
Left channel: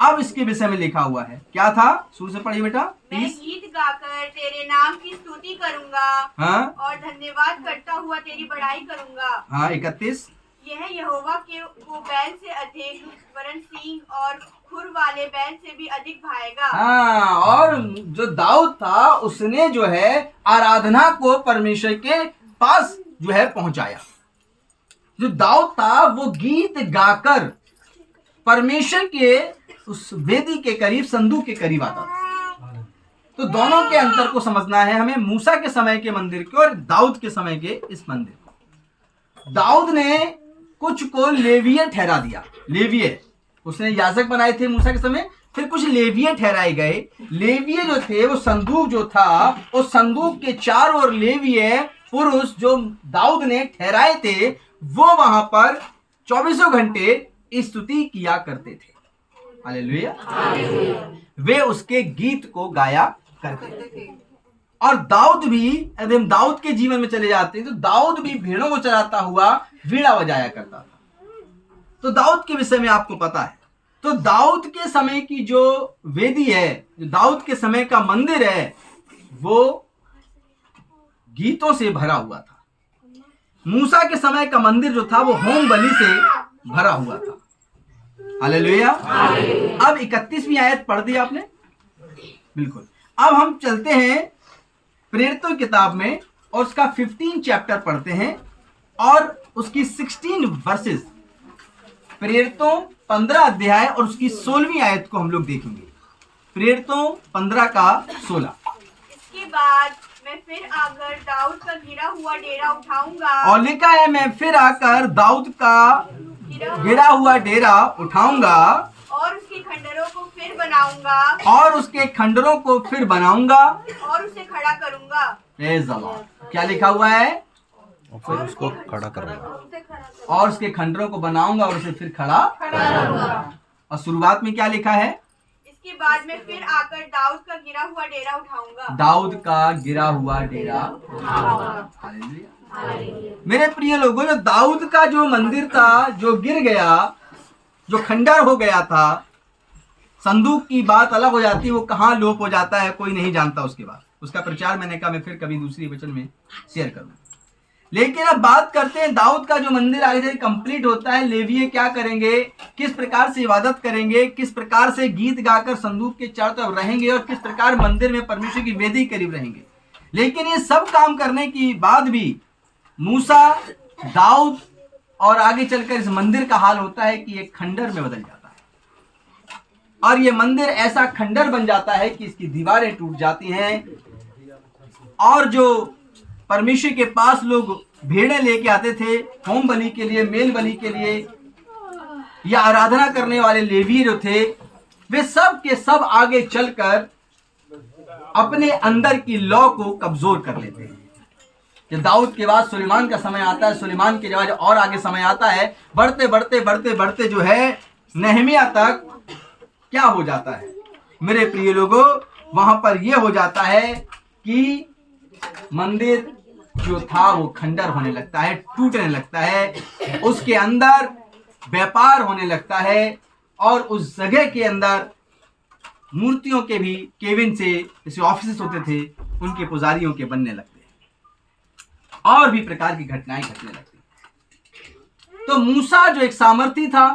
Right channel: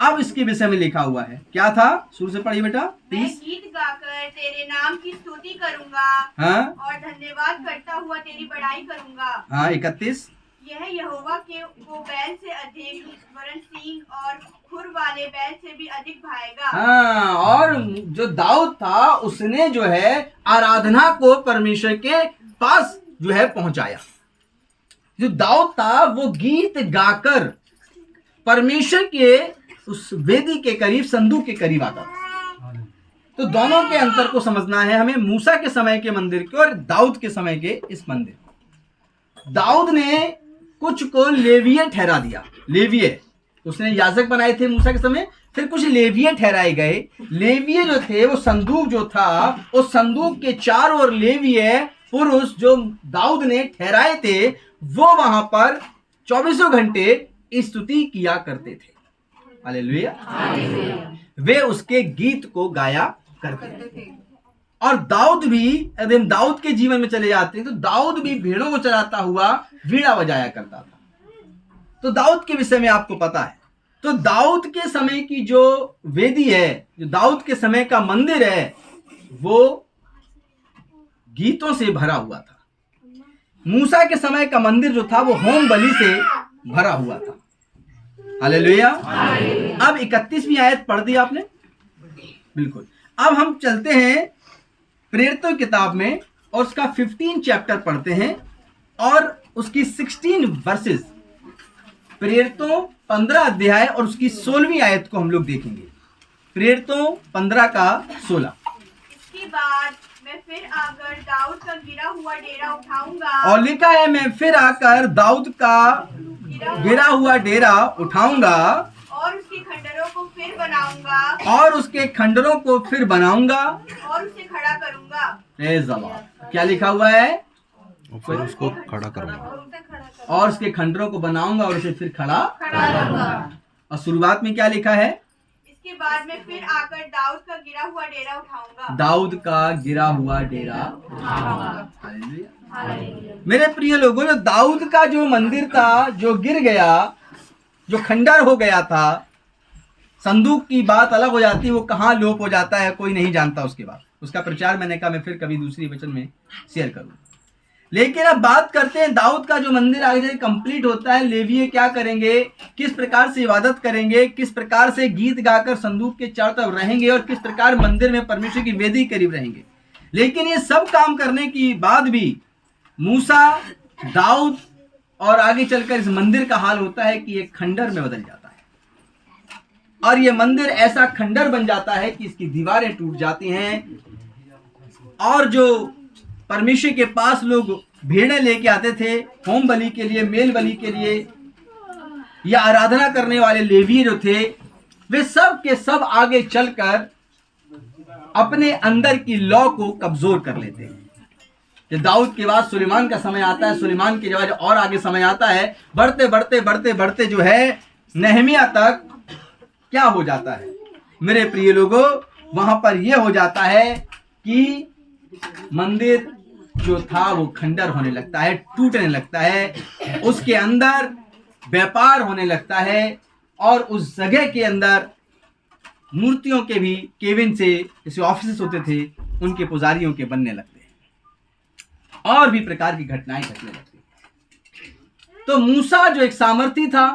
अब इसके विषय में लिखा हुआ है। क्या था? शुरू से पढ़िए बेटा। मैं गीत गाकर तेरे नाम की स्तुति करूंगा। हाँ, और धन्यवाद करता हुआ तेरी बड़ाई करूंगा। हाँ 31। यह यहोवा को बैल से अधिक, वरन सींग और खुर वाले बैल से भी अधिक भाएगा। हाँ, और जो दाऊद था उसने जो है आराधना को परमेश्वर के पास जो है पहुंचाया। जो दाऊद था वो गीत गाकर परमेश्वर के उस वेदी के करीब, संदूक के करीब आता था। तो दोनों के अंतर को समझना है हमें, मूसा के समय के मंदिर को और दाऊद के समय के इस मंदिर को। दाऊद ने कुछ को लेवीय ठहरा दिया। लेवीय उसने याजक बनाए थे मूसा के समय, फिर कुछ लेवीय ठहराए गए। लेवीय जो थे वो संदूक जो था, उस संदूक के चारों ओर लेवीय पुरुष जो दाऊद ने ठहराए थे वो वहां पर 24 घंटे स्तुति किया करते थे। हालेलुया। वे उसके गीत को गाया करते थे। और दाऊद भी, यदि हम दाऊद के जीवन में चले जाते हैं तो दाऊद भी भेड़ों को चराता हुआ वीणा बजाया करता था। तो दाऊद के विषय में आपको पता है। तो दाऊद के समय की जो वेदी है, जो दाऊद के समय का मंदिर है, वो गीतों से भरा हुआ था। मूसा के समय का मंदिर जो था वो होम बलि से भरा हुआ था। हालेलुया। अब 31वीं आयत पढ़ दी आपने, बिल्कुल। अब हम चलते हैं प्रेरितों की किताब में और उसका 15 चैप्टर पढ़ते हैं और उसकी 16 वर्सेस। प्रेरितों 15 अध्याय और उसकी 16वीं आयत को हम लोग देखेंगे। प्रेरितों 15 का 16। इसके बाद मैं फिर आकर दाऊद का गिरा हुआ डेरा उठाऊंगा। और लिखा है मैं फिर आकर दाऊद का गिरा हुआ डेरा उठाऊंगा और उसके खंडरों को फिर बनाऊंगा। और उसके खंडरों को फिर बनाऊंगा और उसे खड़ा करूंगा। Praise the Lord. क्या लिखा हुआ है? और फिर उसको खड़ा करूंगा। और उसके खंडरों को बनाऊंगा और उसे फिर खड़ा करूंगा। और शुरुआत में क्या लिखा है? इसके बाद मैं फिर आकर दाऊद का गिरा हुआ डेरा उठाऊंगा। दाऊद का गिरा हुआ डेरा उठाऊंगा। हालेलुया। मेरे प्रिय लोगों, जो दाऊद का जो मंदिर था जो गिर गया, जो खंडर हो गया था, संदूक की बात अलग हो जाती है, वो कहाँ लोप हो जाता है कोई नहीं जानता। उसके बाद उसका प्रचार मैंने कहा मैं फिर कभी दूसरी वचन में शेयर करूं। लेकिन अब बात करते हैं दाऊद का जो मंदिर आगे से कंप्लीट होता है, लेवीय क्या करेंगे, किस प्रकार से इबादत करेंगे, किस प्रकार से गीत गाकर संदूक के चारों तरफ रहेंगे और किस प्रकार मंदिर में परमेश्वर की वेदी करीब रहेंगे। लेकिन ये सब काम करने की बाद भी मूसा, दाऊद और आगे चलकर इस मंदिर का हाल होता है कि एक खंडर में बदल जाता है और ये मंदिर ऐसा खंडर बन जाता है कि इसकी दीवारें टूट जाती हैं और जो परमेश्वर के पास लोग भेड़ें लेके आते थे होम बलि के लिए, मेल बलि के लिए, या आराधना करने वाले लेवी जो थे, वे सब के सब आगे चलकर अपने अंदर की लॉ को कमजोर कर लेते हैं। जब दाऊद के बाद सुलेमान का समय आता है, सुलेमान के बाद और आगे समय आता है, बढ़ते बढ़ते बढ़ते बढ़ते जो है नहमिया तक क्या हो जाता है मेरे प्रिय लोगों, वहां पर यह हो जाता है कि मंदिर जो था वो खंडर होने लगता है, टूटने लगता है, उसके अंदर व्यापार होने लगता है और उस जगह के अंदर मूर्तियों के भी केबिन से जैसे ऑफिस होते थे उनके पुजारियों के बनने लगते हैं और भी प्रकार की घटनाएं घटने लगती। तो मूसा जो एक सामर्थी था,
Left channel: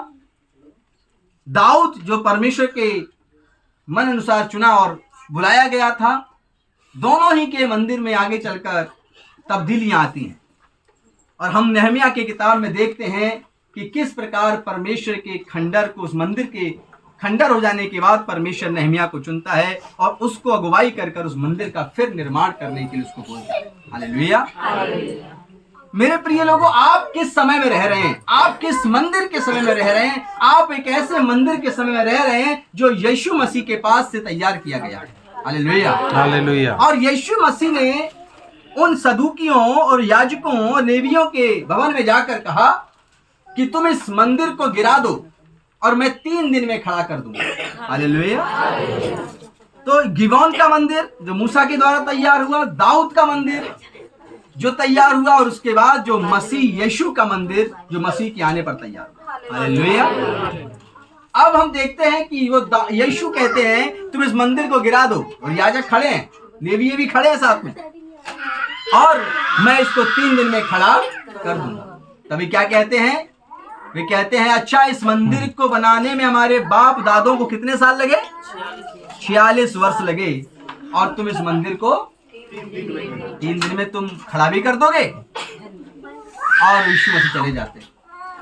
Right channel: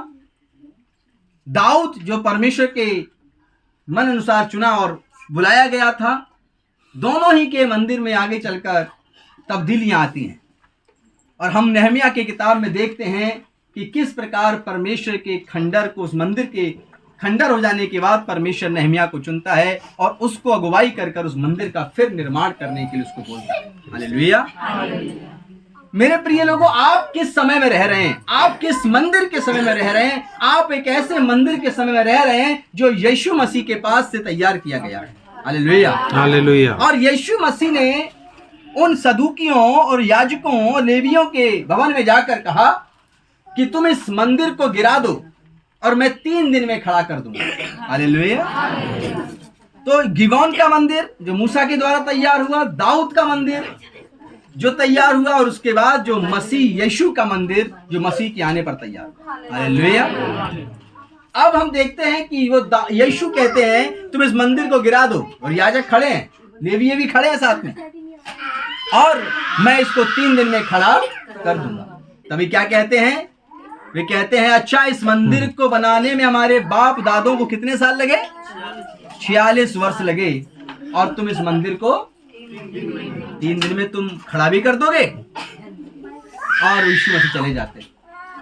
दाऊद जो परमेश्वर के मन अनुसार चुना और बुलाया गया था, दोनों ही के मंदिर में आगे चलकर तब्दीलियां आती हैं और हम नहमिया के किताब में देखते हैं कि किस प्रकार परमेश्वर के खंडर को, उस मंदिर के खंडर हो जाने के बाद परमेश्वर नहमिया को चुनता है और उसको अगुवाई कर उस मंदिर का फिर निर्माण करने के लिए उसको बोलता है। हालेलुया। मेरे प्रिय लोगों, आप किस समय में रह रहे हैं? आप किस मंदिर के समय में रह रहे हैं? आप एक ऐसे मंदिर के समय में रह रहे हैं जो यीशु मसीह के पास से तैयार किया गया है। Hallelujah, hallelujah. और यीशु मसीह ने उन सदूकियों और याजकों और लेवियों के भवन में जाकर कहा कि तुम इस मंदिर को गिरा दो और मैं 3 दिन में खड़ा कर दूंगा। हालेलुया। तो गिबोन का मंदिर जो मूसा के द्वारा तैयार हुआ, दाऊद का मंदिर जो तैयार हुआ और उसके बाद जो मसीह यीशु का मंदिर जो मसीह के आने पर तैयार हुआ। हालेलुया। अब हम देखते हैं कि वो यीशु कहते हैं तुम इस मंदिर को गिरा दो और याजक खड़े हैं, लेवीय भी खड़े हैं साथ में, और मैं इसको 3 दिन में खड़ा कर दूंगा। तभी क्या कहते हैं? वे कहते हैं अच्छा, इस मंदिर को बनाने में हमारे बाप दादों को कितने साल लगे? 46 वर्ष लगे और तुम इस मंदिर को 3 दिन में तुम खड़ा भी कर दोगे। और यीशु मसीह चले जाते।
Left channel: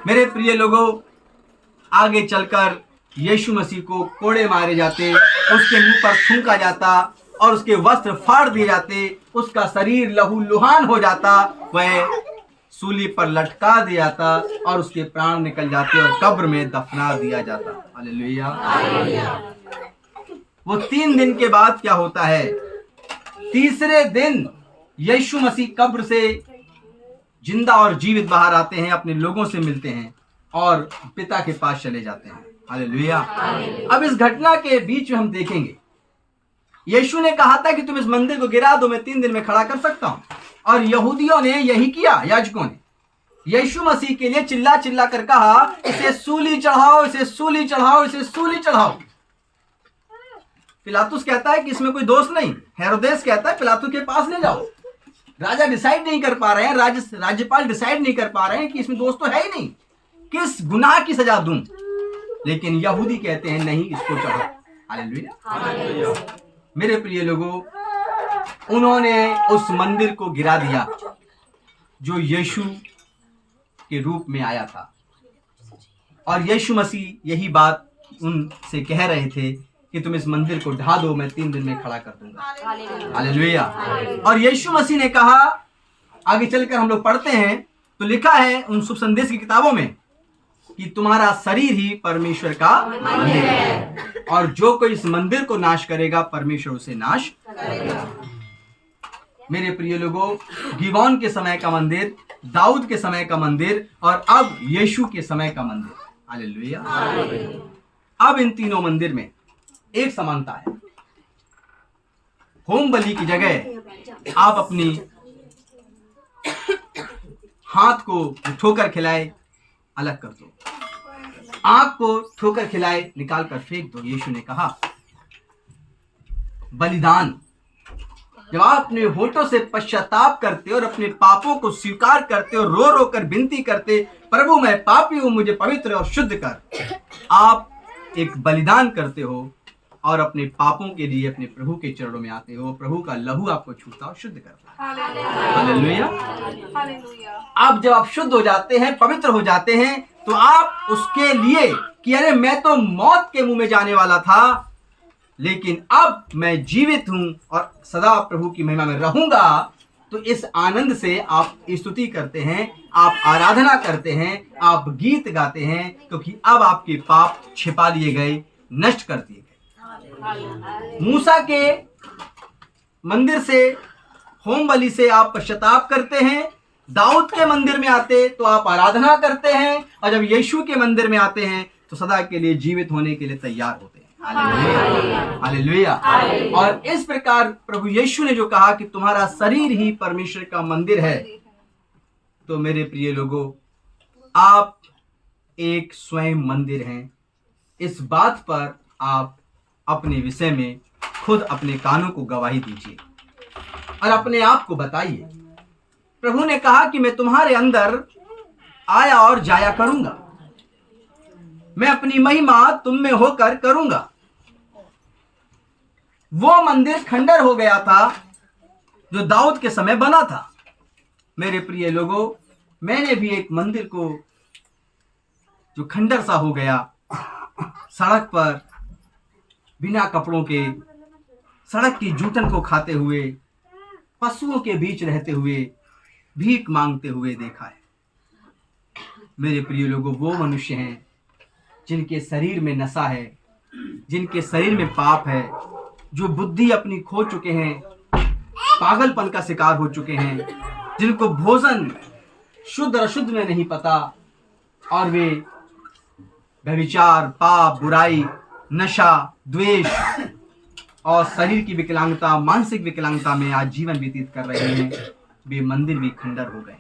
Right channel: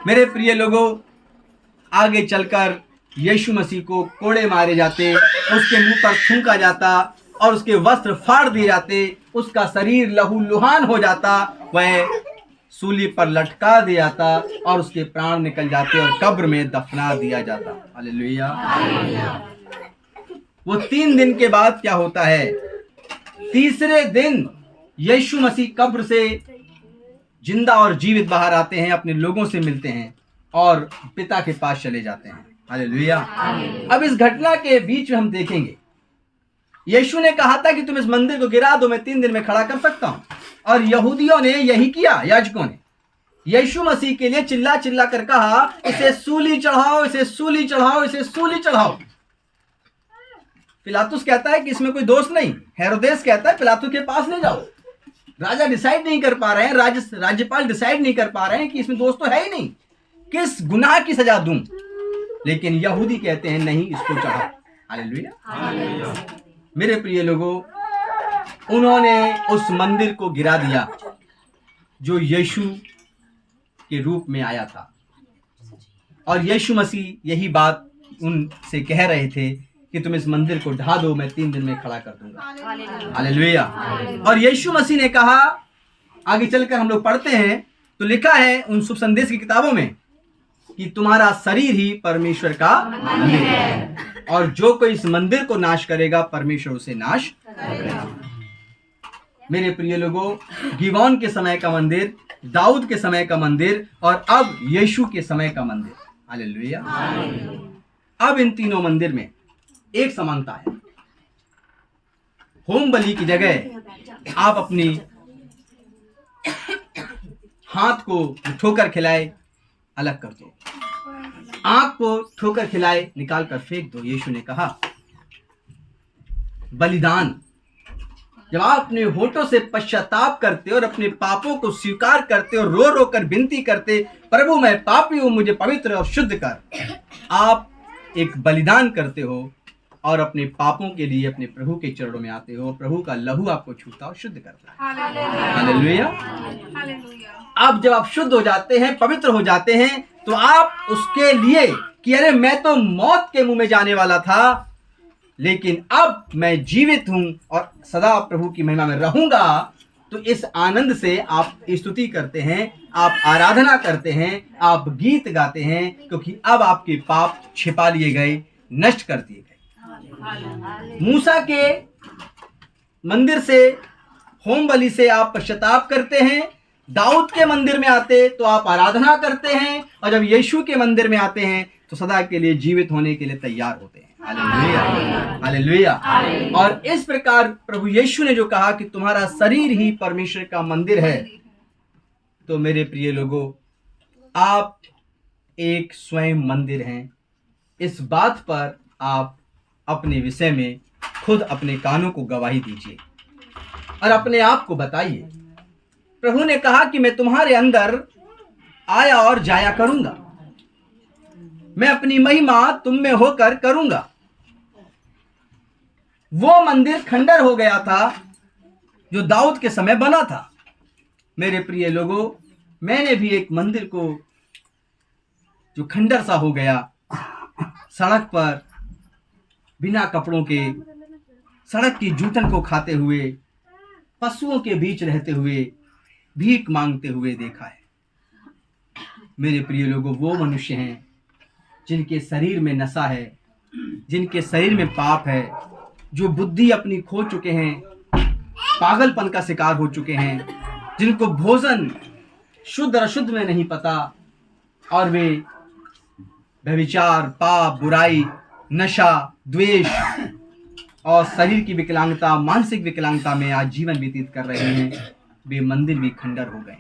मेरे प्रिय लोगों, आगे चलकर यीशु मसीह को कोड़े मारे जाते, उसके मुंह पर थूका जाता और उसके वस्त्र फाड़ दिए जाते, उसका शरीर लहूलुहान हो जाता, वह सूली पर लटका दिया जाता और उसके प्राण निकल जाते और कब्र में दफना दिया जाता। हालेलुया। वो 3 दिन के बाद क्या होता है? तीसरे दिन यीशु मसीह कब्र से जिंदा और जीवित बाहर आते हैं, अपने लोगों से मिलते हैं और पिता के पास चले जाते हैं। हालेलुया। अब इस घटना के बीच में हम देखेंगे, यीशु ने कहा था कि तुम इस मंदिर को गिरा दो, मैं 3 दिन में खड़ा कर सकता हूं, और यहूदियों ने यही किया। याजकों ने यीशु मसीह के लिए चिल्ला चिल्ला कर कहा इसे सूली चढ़ाओ, इसे सूली चढ़ाओ, इसे सूली चढ़ाओ। पिलातुस कहता है कि इसमें कोई दोष नहीं। हेरोदेस कहता है पिलातुस के पास ले जाओ। राजा डिसाइड नहीं कर पा रहे हैं, राज्यपाल डिसाइड नहीं कर पा रहे हैं कि इसमें दोष तो है ही नहीं, किस गुनाह की सजा दूं। लेकिन यहूदी कहते हैं नहीं, इसको चढ़ाओ। हालेलुया। मेरे प्रिय लोगों, उन्होंने उस मंदिर को गिरा दिया जो यीशु के रूप में आया था, और यीशु मसीह यही बात उनसे कह रहे थे कि तुम इस मंदिर को ढा दो, मैं 3 दिन में खड़ा कर दूंगा। हालेलुया। और यीशु मसीह ने कहा, आगे चलकर हम लोग पढ़ते हैं तो लिखा है उन शुभ संदेश की किताबों में कि तुम्हारा शरीर ही परमेश्वर का मंदिर है और जो कोई इस मंदिर को नाश करेगा परमेश्वर उसे नाश करेगा। मेरे प्रिय लोगों, गिबोन के समय का मंदिर, दाऊद के समय का मंदिर और अब यीशु के समय का मंदिर। हालेलुया। अब इन तीनों मंदिर में एक समानता है। होम बलि की जगह आप अपनी हाथ को ठोकर खिलाए अलग कर दो, आंख को ठोकर खिलाए निकाल कर फेंक दो। यीशु ने कहा बलिदान जब आप अपने होठों से पश्चाताप करते और अपने पापों को स्वीकार करते और रो रो कर विनती करते, प्रभु मैं पापी हूं, मुझे पवित्र और शुद्ध कर, आप एक बलिदान करते हो और अपने पापों के लिए अपने प्रभु के चरणों में आते हो, प्रभु का लहू आपको छूता और शुद्ध करता है। हालेलुया। अब जब आप शुद्ध हो जाते हैं, पवित्र हो जाते हैं, तो आप उसके लिए कि अरे मैं तो मौत के मुंह में जाने वाला था, लेकिन अब मैं जीवित हूं और सदा प्रभु की महिमा में रहूंगा, तो इस आनंद से आप स्तुति करते हैं, आप आराधना करते हैं, आप गीत गाते हैं, क्योंकि अब आपके पाप छिपा लिए गए, नष्ट कर दिए गए। मूसा के मंदिर से, होम बलि से आप पश्चाताप करते हैं, दाऊद के मंदिर में आते तो आप आराधना करते हैं, और जब यीशु के मंदिर में आते हैं तो सदा के लिए जीवित होने के लिए तैयार होते हैं। Hallelujah, hallelujah. और इस प्रकार प्रभु यीशु ने जो कहा कि तुम्हारा शरीर ही परमेश्वर का मंदिर है, तो मेरे प्रिय लोगों, आप एक स्वयं मंदिर हैं। इस बात पर आप अपने विषय में खुद अपने कानों को गवाही दीजिए और अपने आप को बताइए। प्रभु ने कहा कि मैं तुम्हारे अंदर आया और जाया करूंगा, मैं अपनी महिमा तुम में होकर करूंगा। वो मंदिर खंडर हो गया था जो दाऊद के समय बना था। मेरे प्रिय लोगों, मैंने भी एक मंदिर को जो खंडर सा हो गया, सड़क पर बिना कपड़ों के, सड़क की जूठन को खाते हुए, पशुओं के बीच रहते हुए, भीख मांगते हुए देखा है। मेरे प्रिय लोगों, वो मनुष्य हैं जिनके शरीर में नशा है, जिनके शरीर में पाप है, जो बुद्धि अपनी खो चुके हैं, पागलपन का शिकार हो चुके हैं, जिनको भोजन शुद्ध और अशुद्ध में नहीं पता, और वे व्यभिचार, पाप, बुराई, नशा, द्वेष और शरीर की विकलांगता, मानसिक विकलांगता में आज जीवन व्यतीत कर रहे हैं। वे मंदिर भी खंडर हो गए।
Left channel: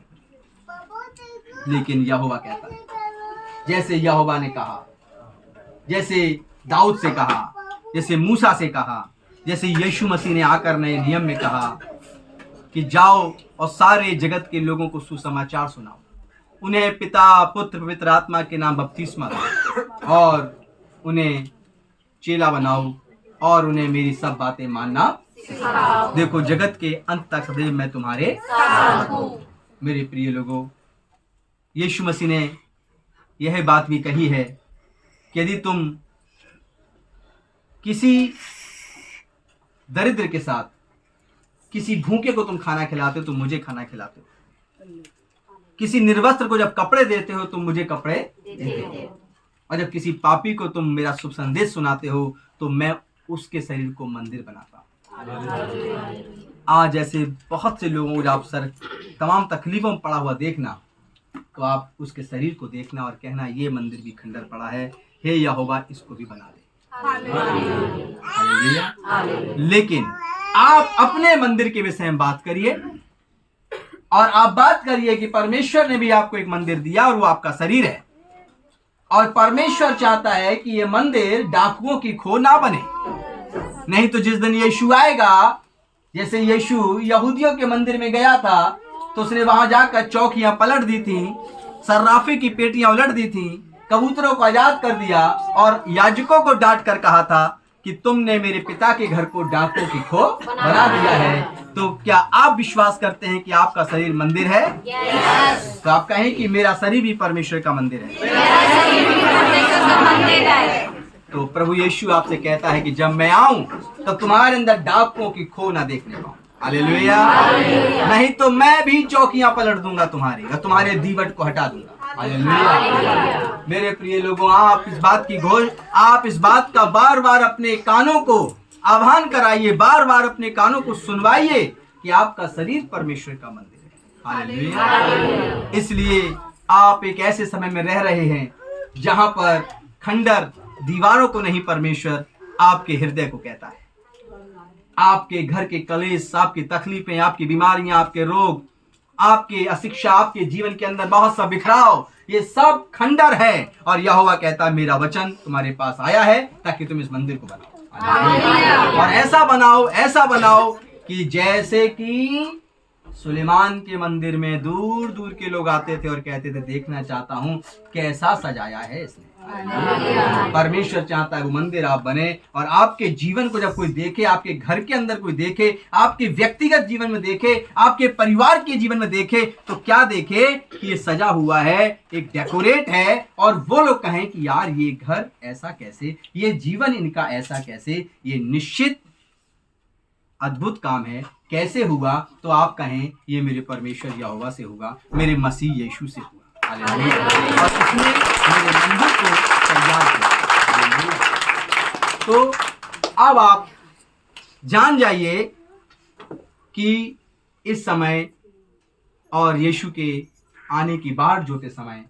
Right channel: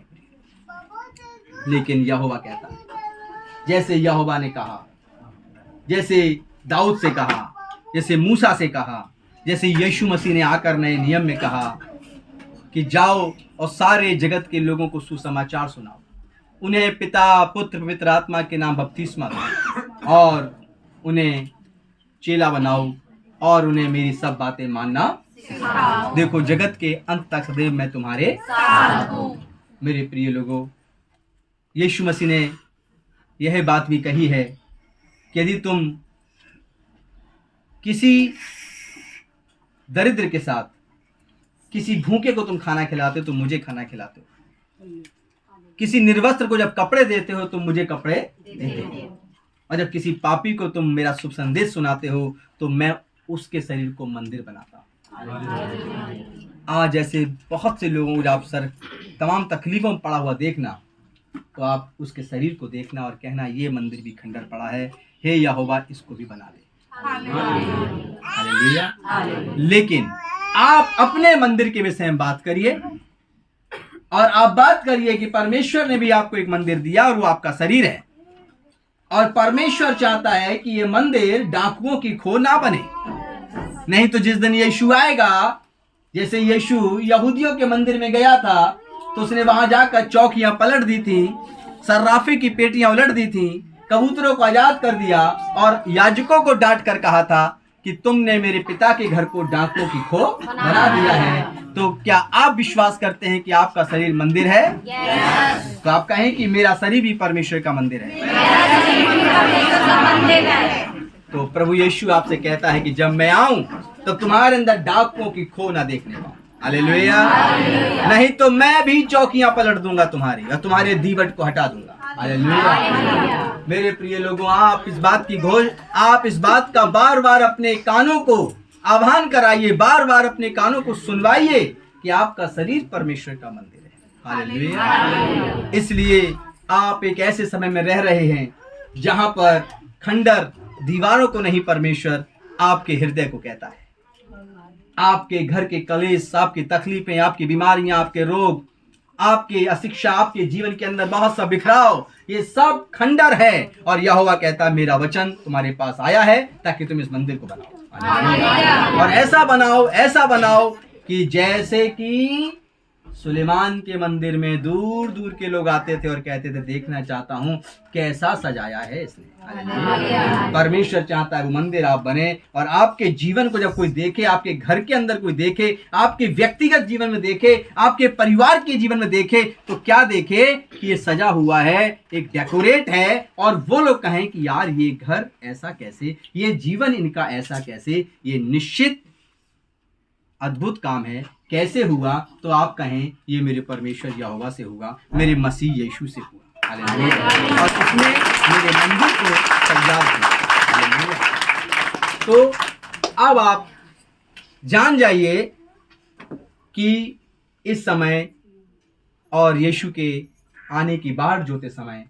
लेकिन यहोवा कहता है, जैसे यहोवा ने कहा, जैसे दाऊद से कहा, जैसे मूसा से कहा, जैसे यीशु मसीह ने आकर नए नियम में कहा कि जाओ और सारे जगत के लोगों को सुसमाचार सुनाओ, उन्हें पिता, पुत्र, पवित्र आत्मा के नाम बपतिस्मा दो और उन्हें चेला बनाओ और उन्हें मेरी सब बातें मानना सिखाओ। देखो, जगत के अंत तक सदैव मैं तुम्हारे साथ हूं। मेरे प्रिय लोगों, यीशु मसीह ने यह बात भी कही है कि यदि तुम किसी दरिद्र के साथ, किसी भूखे को तुम खाना खिलाते हो तो मुझे खाना खिलाते हो, किसी निर्वस्त्र को जब कपड़े देते हो तो मुझे कपड़े देते हो, और जब किसी पापी को तुम मेरा शुभ संदेश सुनाते हो तो मैं उसके शरीर को मंदिर बनाता हूँ। आज ऐसे बहुत से लोगों को आप सर तमाम तकलीफों में पड़ा हुआ देखना, तो आप उसके शरीर को देखना और कहना ये मंदिर भी खंडर पड़ा है, हे यहोवा इसको भी बना दे। हालेलुया। लेकिन आप अपने मंदिर के विषय में बात करिए और आप बात करिए कि परमेश्वर ने भी आपको एक मंदिर दिया और वो आपका शरीर है, और परमेश्वर चाहता है कि ये मंदिर डाकुओं की खो ना बने। नहीं तो जिस दिन यीशु आएगा, जैसे यीशु यहूदियों के मंदिर में गया था तो उसने वहां जाकर चौकियां पलट दी थी, सर्राफे की पेटियां उलट दी थी, कबूतरों को आजाद कर दिया और याजकों को डांट कर कहा था कि तुमने मेरे पिता के घर को डाकुओं की खो बना दिया है। तो क्या आप विश्वास करते हैं कि आपका शरीर मंदिर है? तो आप कहें कि मेरा शरीर भी परमेश्वर का मंदिर है। तो प्रभु यीशु आपसे कहता है कि जब मैं आऊं तो तुम्हारे अंदर डाकुओं की खो ना देखने पाऊं। हालेलुया। नहीं तो मैं भी चौकियां पलट दूंगा तुम्हारी और तुम्हारे दीवट को हटा दूंगा। हालेलुया। मेरे प्रिय लोगों, आप इस बात का बार बार अपने कानों को आह्वान कराइए, बार बार अपने कानों को सुनवाइए कि आपका शरीर परमेश्वर का मंदिर है। हालेलुया। इसलिए आप एक ऐसे समय में रह रहे हैं जहां पर खंडर दीवारों को नहीं, परमेश्वर आपके हृदय को कहता है। आपके घर के कलेश, आपकी तकलीफें, आपकी बीमारियां, आपके रोग, आपकी अशिक्षा, आपके जीवन के अंदर बहुत सा बिखराव, ये सब खंडर है। और यहोवा कहता है मेरा वचन तुम्हारे पास आया है ताकि तुम इस मंदिर को बनाओ और ऐसा बनाओ कि जैसे कि सुलेमान के मंदिर में दूर दूर के लोग आते थे और कहते थे देखना चाहता हूँ कैसा सजाया है इसने। हालेलुया। परमेश्वर चाहता है वो मंदिर आप बने और आपके जीवन को जब कोई देखे, आपके घर के अंदर कोई देखे, आपके व्यक्तिगत जीवन में देखे, आपके परिवार के जीवन में देखे, तो क्या देखे कि ये सजा हुआ है, एक डेकोरेट है, और वो लोग कहें कि यार ये घर ऐसा कैसे, ये जीवन इनका ऐसा कैसे, ये निश्चित अद्भुत काम है, कैसे हुआ, तो आप कहें ये मेरे परमेश्वर यहोवा से हुआ, मेरे मसीह यीशु से हुआ। हालेलुया। और इसने मेरे मंदिर को तैयार किया। हालेलुया। तो अब आप जान जाइए कि इस समय और यीशु के आने की बाढ़ जोते समय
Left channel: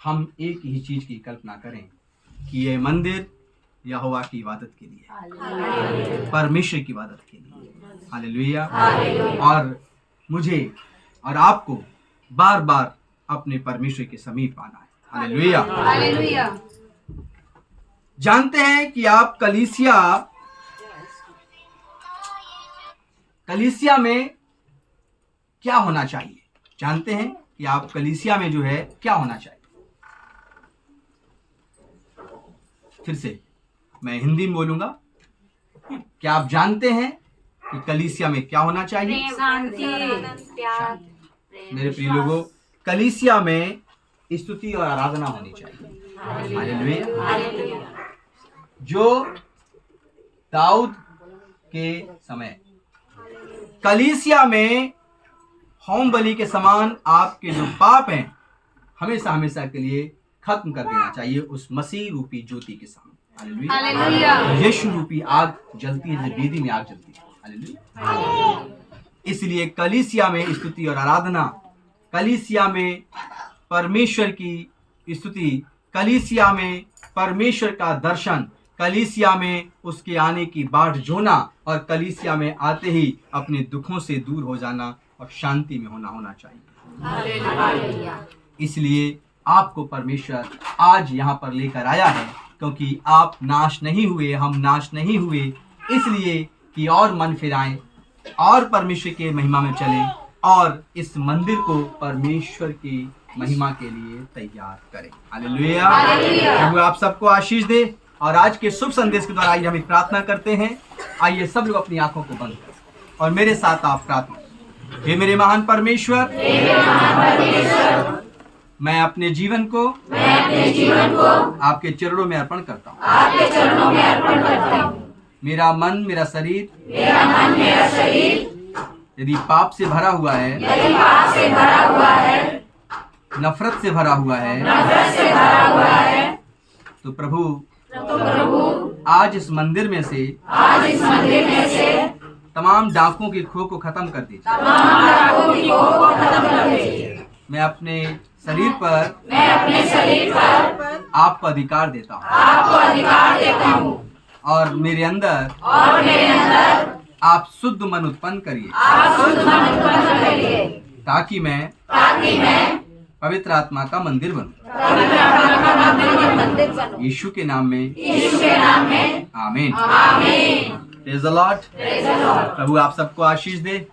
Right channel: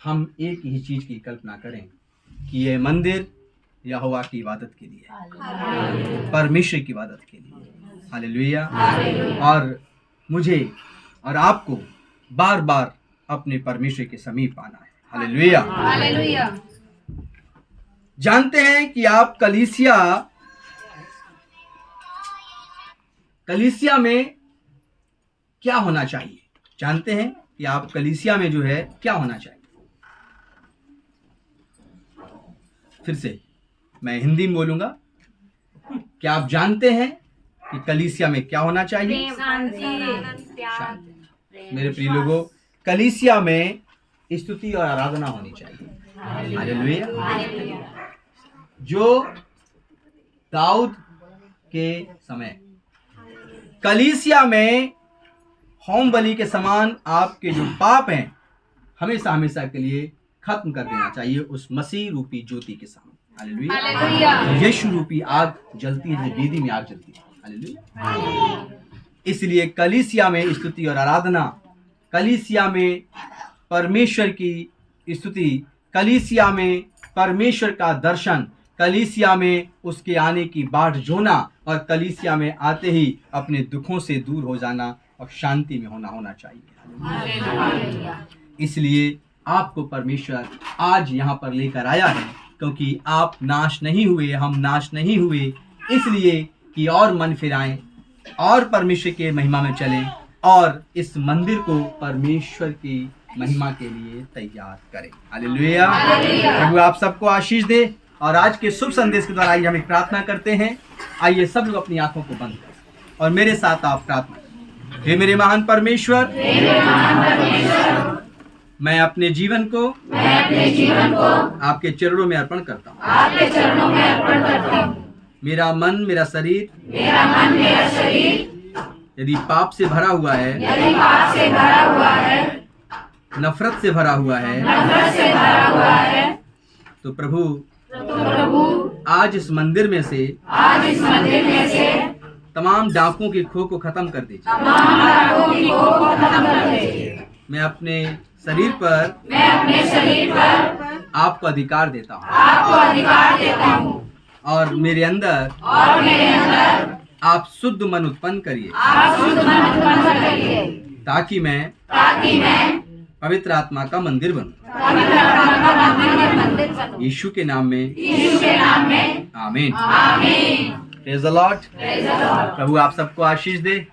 हम एक ही चीज की कल्पना करें कि ये मंदिर यहोवा की इबादत के लिए, परमेश्वर की इबादत के लिए। हालेलुया। और मुझे और आपको बार बार अपने परमेश्वर के समीप आना है। हालेलुया। जानते हैं कि आप कलीसिया में क्या होना चाहिए? जानते हैं कि आप कलीसिया में जो है क्या होना चाहिए? फिर से मैं हिंदी में बोलूंगा। क्या आप जानते हैं कि कलीसिया में क्या होना चाहिए? मेरे प्रिय लोगों, कलीसिया में स्तुति और आराधना होनी चाहिए। हालेलुया। जो दाऊद के समय कलीसिया में होम बलि के समान आपके जो पाप हैं हमेशा हमेशा के लिए खत्म कर देना चाहिए उस मसीह रूपी ज्योति के सामने। हालेलुया। यीशु रूपी आग जलती है, जैसे वेदी में आग जलती है। हालेलुया। इसलिए कलीसिया में स्तुति और आराधना, कलीसिया में परमेश्वर की स्तुति, कलीसिया में परमेश्वर का दर्शन, कलीसिया में उसके आने की बाट जोना, और कलीसिया में आते ही अपने दुखों से दूर हो जाना और शांति में होना चाहिए। इसलिए आपको परमेश्वर आज यहाँ पर लेकर आया है क्योंकि आप नाश नहीं हुए, हम नाश नहीं हुए, इसलिए कि और मन फिराएं और परमेश्वर के महिमा में चलें और इस मंदिर को परमेश्वर की महिमा के लिए तैयार करें। हालेलुया। प्रभु आप सबको आशीष दे। और आज के शुभ संदेश के द्वारा आइए हम एक प्रार्थना करते हैं। आइए सब लोग अपनी आंखों को बंद करें और मेरे साथ आप प्रार्थना करें। हे मेरे महान परमेश्वर, मैं अपने जीवन को आपके चरणों में अर्पण करता हूँ। मेरा मन, मेरा शरीर यदि पाप से भरा हुआ है, नफरत से भरा हुआ है, तो प्रभु आज इस मंदिर में से तमाम डाकों की खो को खत्म कर दीजिए। मैं अपने शरीर पर आपको अधिकार देता हूँ और मेरे अंदर आप शुद्ध मन उत्पन्न करिए ताकि मैं पवित्र आत्मा का मंदिर बनूं। यीशु के नाम में आमीन। Praise the Lord. प्रभु आप सबको आशीष दे।